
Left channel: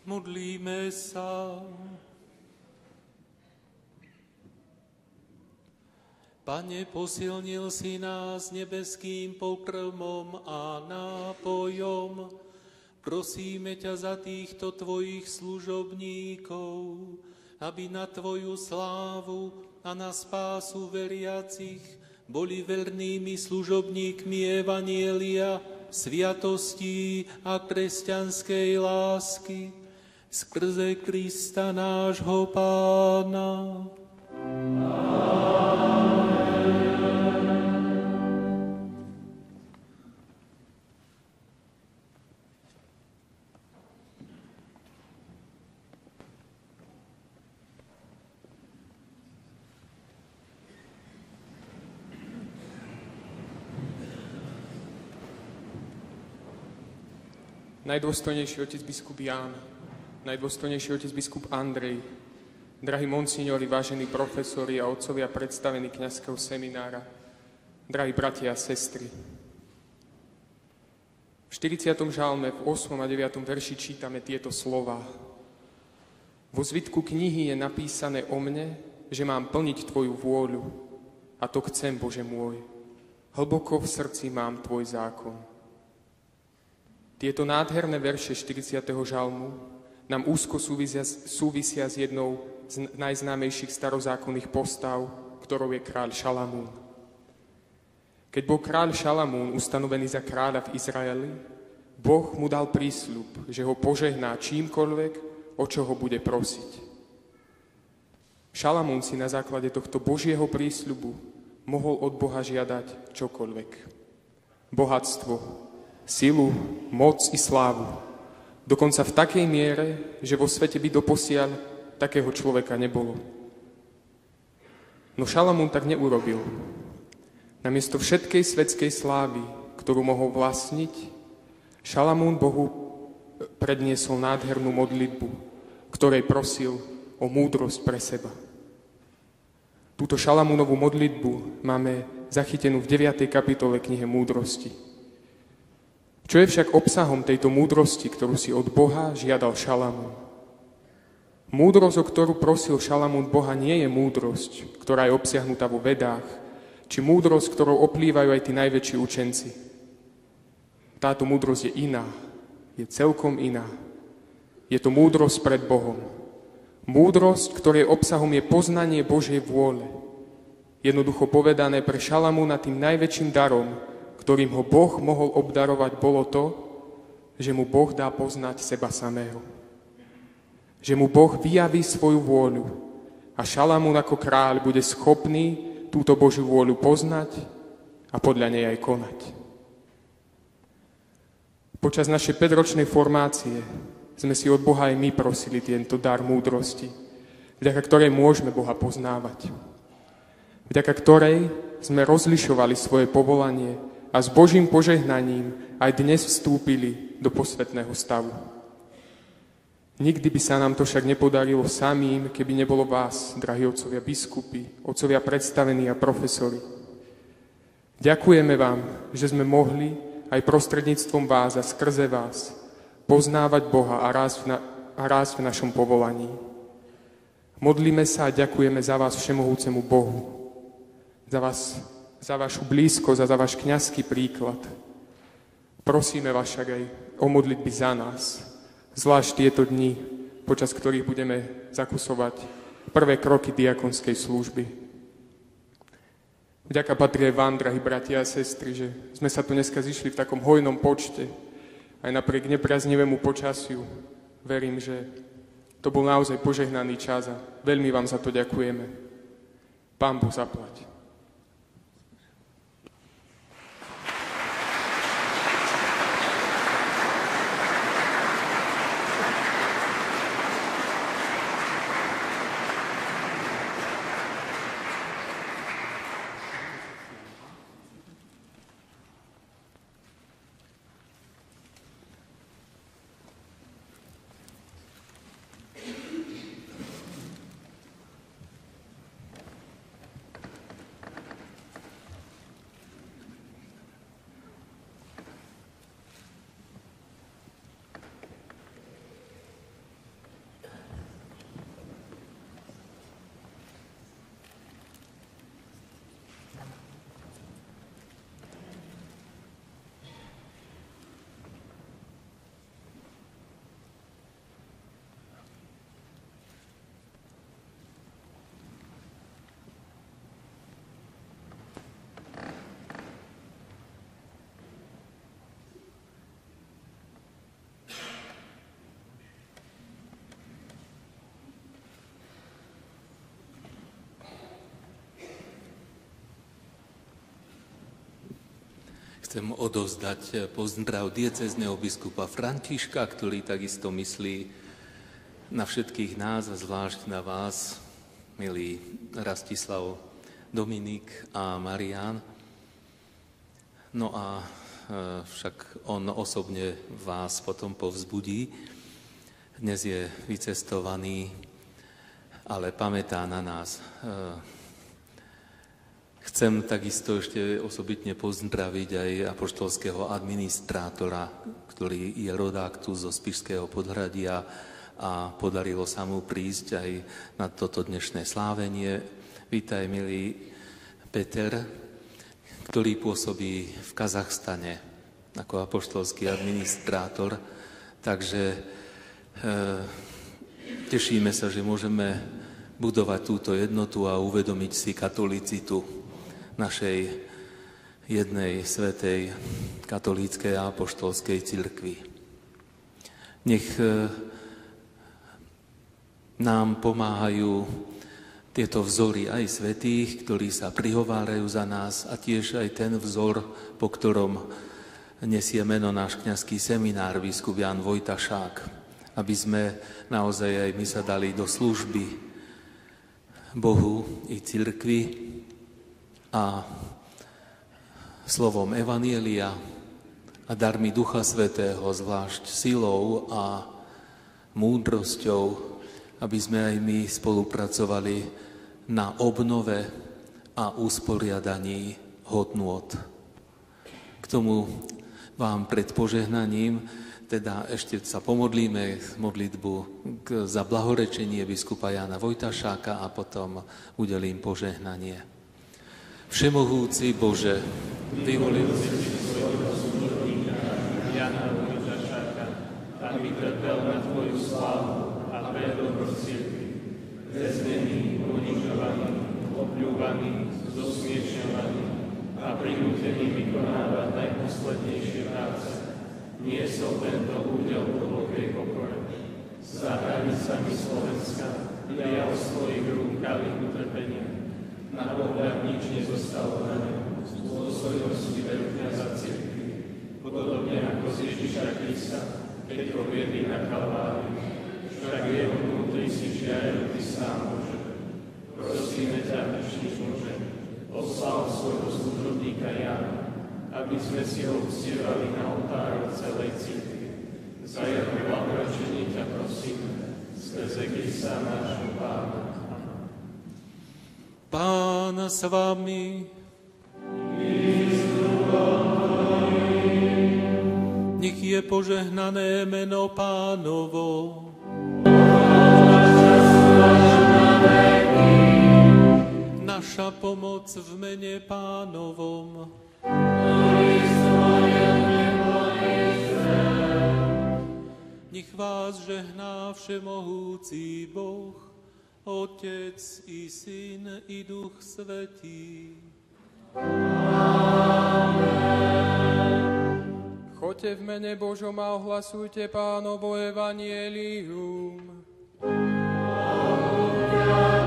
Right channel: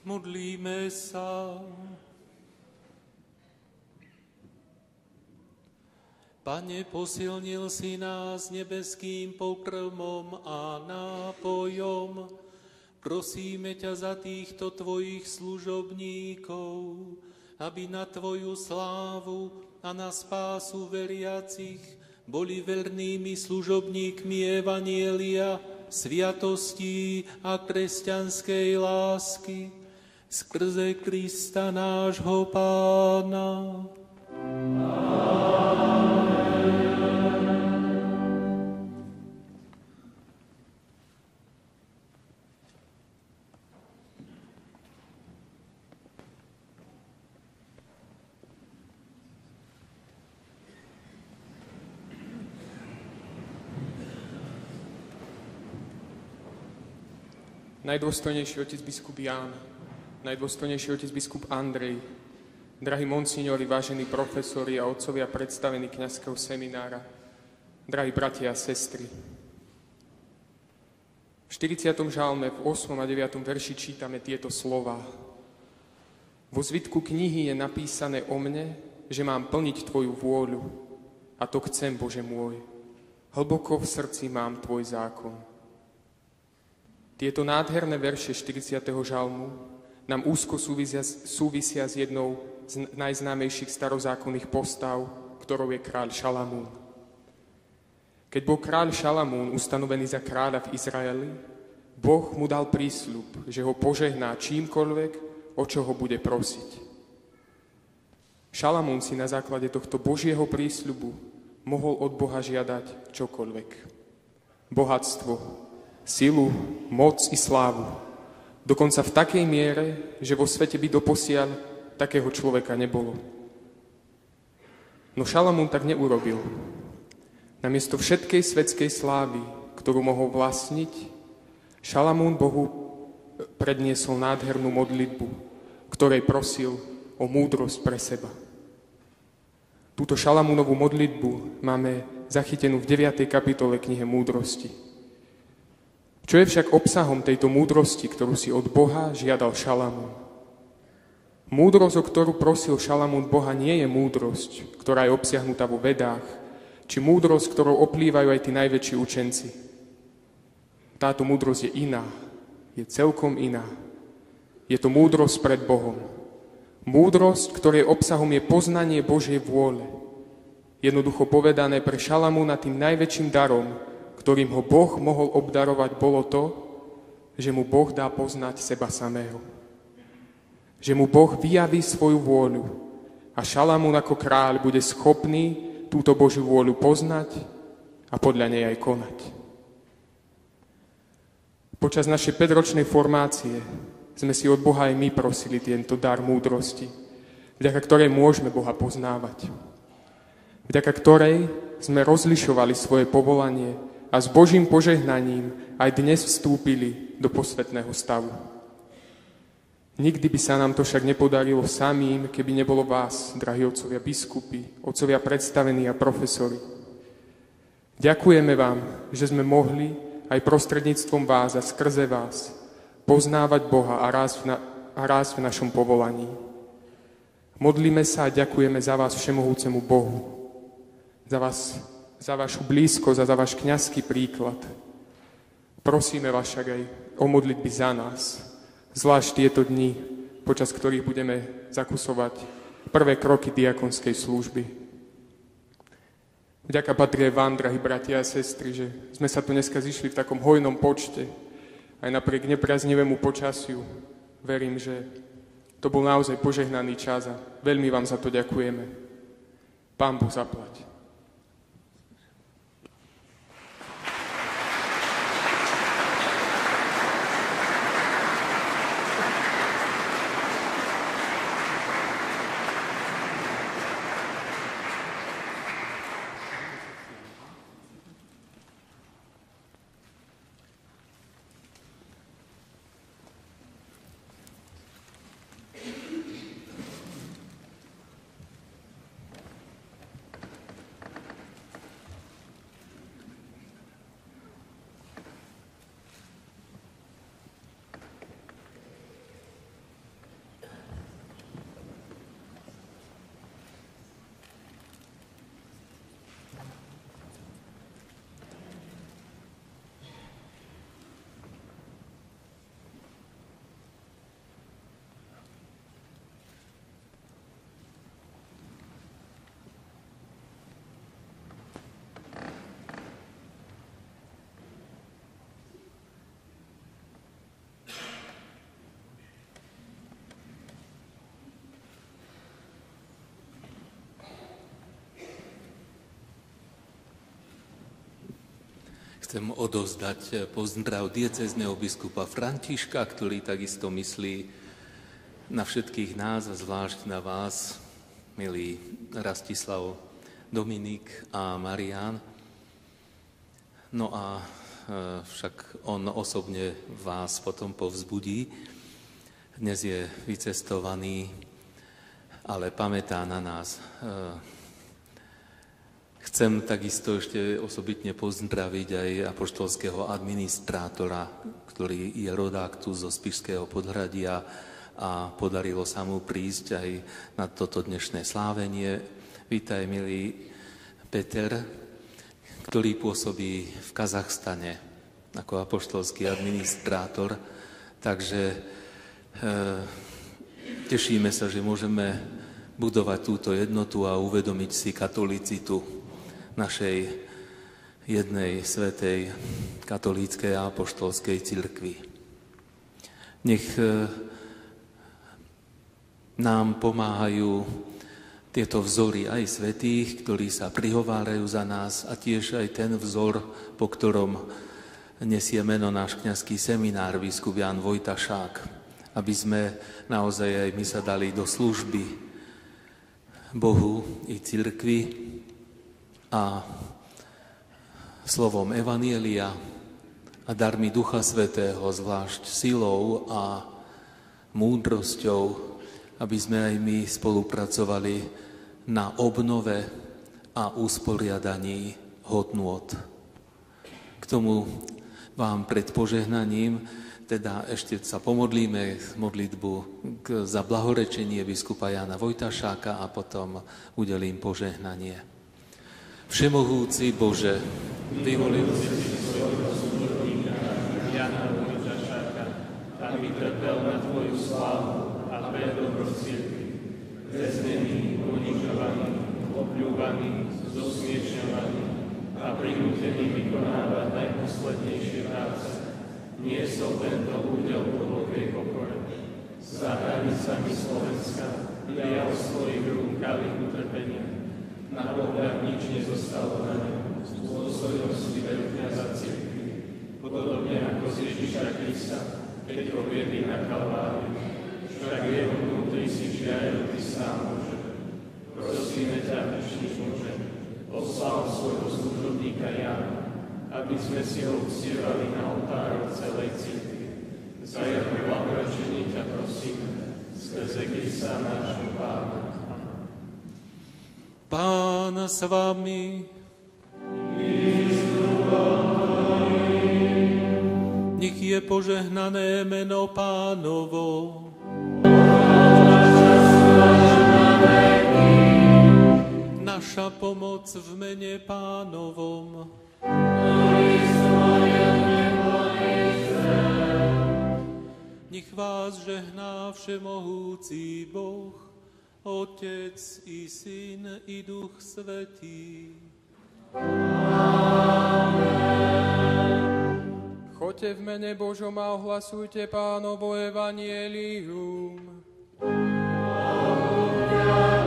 Modlíme sa. Pane, posilnil si nás nebeským pokrmom a nápojom. Prosíme ťa za týchto tvojich služobníkov, aby na tvoju slávu a na spásu veriacich boli vernými služobníkmi evanjelia, sviatostí a kresťanskej lásky skrze Krista nášho Pána. Najdôstojnejší otec biskup Ján, najdôstojnejší otec biskup Andrej, drahí monsignori, vážení profesori a otcovia predstavení kňazského seminára, drahí bratia a sestry. V 40. žalme v 8. a 9. verši čítame tieto slová. Vo zvitku knihy je napísané o mne, že mám plniť tvoju vôľu, a to chcem, Bože môj. Hlboko v srdci mám tvoj zákon. Tieto nádherné verše 40. žalmu nám úzko súvisia s jednou z najznámejších starozákonných postav, ktorou je kráľ Šalamún. Keď bol kráľ Šalamún ustanovený za kráľa v Izraeli, Boh mu dal prísľub, že ho požehná čímkoľvek, o čo ho bude prosiť. Šalamún si na základe tohto Božieho prísľubu mohol od Boha žiadať čokoľvek. Bohatstvo, silu, moc i slávu. Dokonca v takej miere, že vo svete by doposiaľ takého človeka nebolo. No Šalamún tak neurobil. Namiesto všetkej svetskej slávy, ktorú mohol vlastniť, Šalamún Bohu predniesol nádhernú modlitbu, ktorej prosil o múdrosť pre seba. Túto Šalamúnovú modlitbu máme zachytenú v 9. kapitole knihe Múdrosti. Čo je však obsahom tejto múdrosti, ktorú si od Boha žiadal Šalamún? Múdrosť, o ktorú prosil Šalamún Boha, nie je múdrosť, ktorá je obsiahnutá vo vedách, či múdrosť, ktorou oplývajú aj tí najväčší učenci. Táto múdrosť je iná, je celkom iná. Je to múdrosť pred Bohom. Múdrosť, ktorej obsahom je poznanie Božej vôle. Jednoducho povedané, pre Šalamúna tým najväčším darom, ktorým ho Boh mohol obdarovať, bolo to, že mu Boh dá poznať seba samého. Že mu Boh vyjaví svoju vôľu a Šalamún ako kráľ bude schopný túto Božiu vôľu poznať a podľa nej aj konať. Počas našej 5-ročnej formácie sme si od Boha aj my prosili tento dar múdrosti, vďaka ktorej môžeme Boha poznávať. Vďaka ktorej sme rozlišovali svoje povolanie a s Božím požehnaním aj dnes vstúpili do posvätného stavu. Nikdy by sa nám to však nepodarilo samým, keby nebolo vás, drahí otcovia biskupy, otcovia predstavení a profesori. Ďakujeme vám, že sme mohli aj prostredníctvom vás a skrze vás poznávať Boha a rásť v našom povolaní. Modlíme sa a ďakujeme za vás všemohúcemu Bohu, za vašu blízkosť a za váš kňazský príklad. Prosíme vás však aj o modlitby za nás, zvlášť tieto dni, počas ktorých budeme zakusovať prvé kroky diakonskej služby. Vďaka patrí aj vám, drahí bratia a sestry, že sme sa tu dneska zišli v takom hojnom počte, aj napriek nepriaznivému počasiu. Verím, že to bol naozaj požehnaný čas a veľmi vám za to ďakujeme. Pán Boh zaplať. Chcem odovzdať pozdrav diecézneho biskupa Františka, ktorý takisto myslí na všetkých nás a zvlášť na vás, milí Rastislav, Dominik a Marián. No a však on osobne vás potom povzbudí. Dnes je vycestovaný, ale pamätá na nás. Chcem takisto ešte osobitne pozdraviť aj apoštolského administrátora, ktorý je rodák tu zo Spišského Podhradia a podarilo sa mu prísť aj na toto dnešné slávenie. Vítaj, milý Peter, ktorý pôsobí v Kazachstane ako apoštolský administrátor. Takže tešíme sa, že môžeme budovať túto jednotu a uvedomiť si katolicitu našej jednej svätej katolíckej a apoštolskej cirkvi. Nech nám pomáhajú tieto vzory aj svätých, ktorí sa prihovárajú za nás, a tiež aj ten vzor, po ktorom nesie meno náš kňazský seminár, biskup Ján Vojtašák, aby sme naozaj aj my sa dali do služby Bohu i cirkvi a slovom Evanjelia a darmi Ducha Svätého, zvlášť silou a múdrosťou, aby sme aj my spolupracovali na obnove a usporiadaní hodnôt. K tomu vám pred požehnaním teda ešte sa pomodlíme modlitbu za blahorečenie biskupa Jána Vojtašáka a potom udelím požehnanie. Všemohúci Bože, vyvolil si svojho služobníka Jána Vojtašáka, aby trpel na Tvoju slávu a pre dobro cirkvi, väznený, ponižovaný, opľúvaný, zosmiešňovaný a prinútený vykonávať najposlednejšie práce. Niesol tento údel v hlbokej pokore. Za hranicami Slovenska vyjal svojich rúk kalich utrpenia. Na pohľad nič nezostalo z dôstojnosti veru kňaza cirkvi. Podobne ako z Ježiša Krista, keď ho viedli na Kalváriu, však v jeho vnútri si žiaril Ty sám Bože. Prosíme ťa, večný Bože, poslal svojho služobníka Jána, aby sme si ho uctievali na oltároch celej cirkvi. Za jeho blahorečenie ťa prosíme, skrze Krista nášho Pána. Pán s vami. Nech je požehnané meno Pánovo. Naša pomoc v mene Pánovom. Nech vás žehná všemohúci Boh, Otec i Syn i Duch Svätý. Amen. Choďte v mene Božom a ohlasujte Pánovo evanjelium. Amen.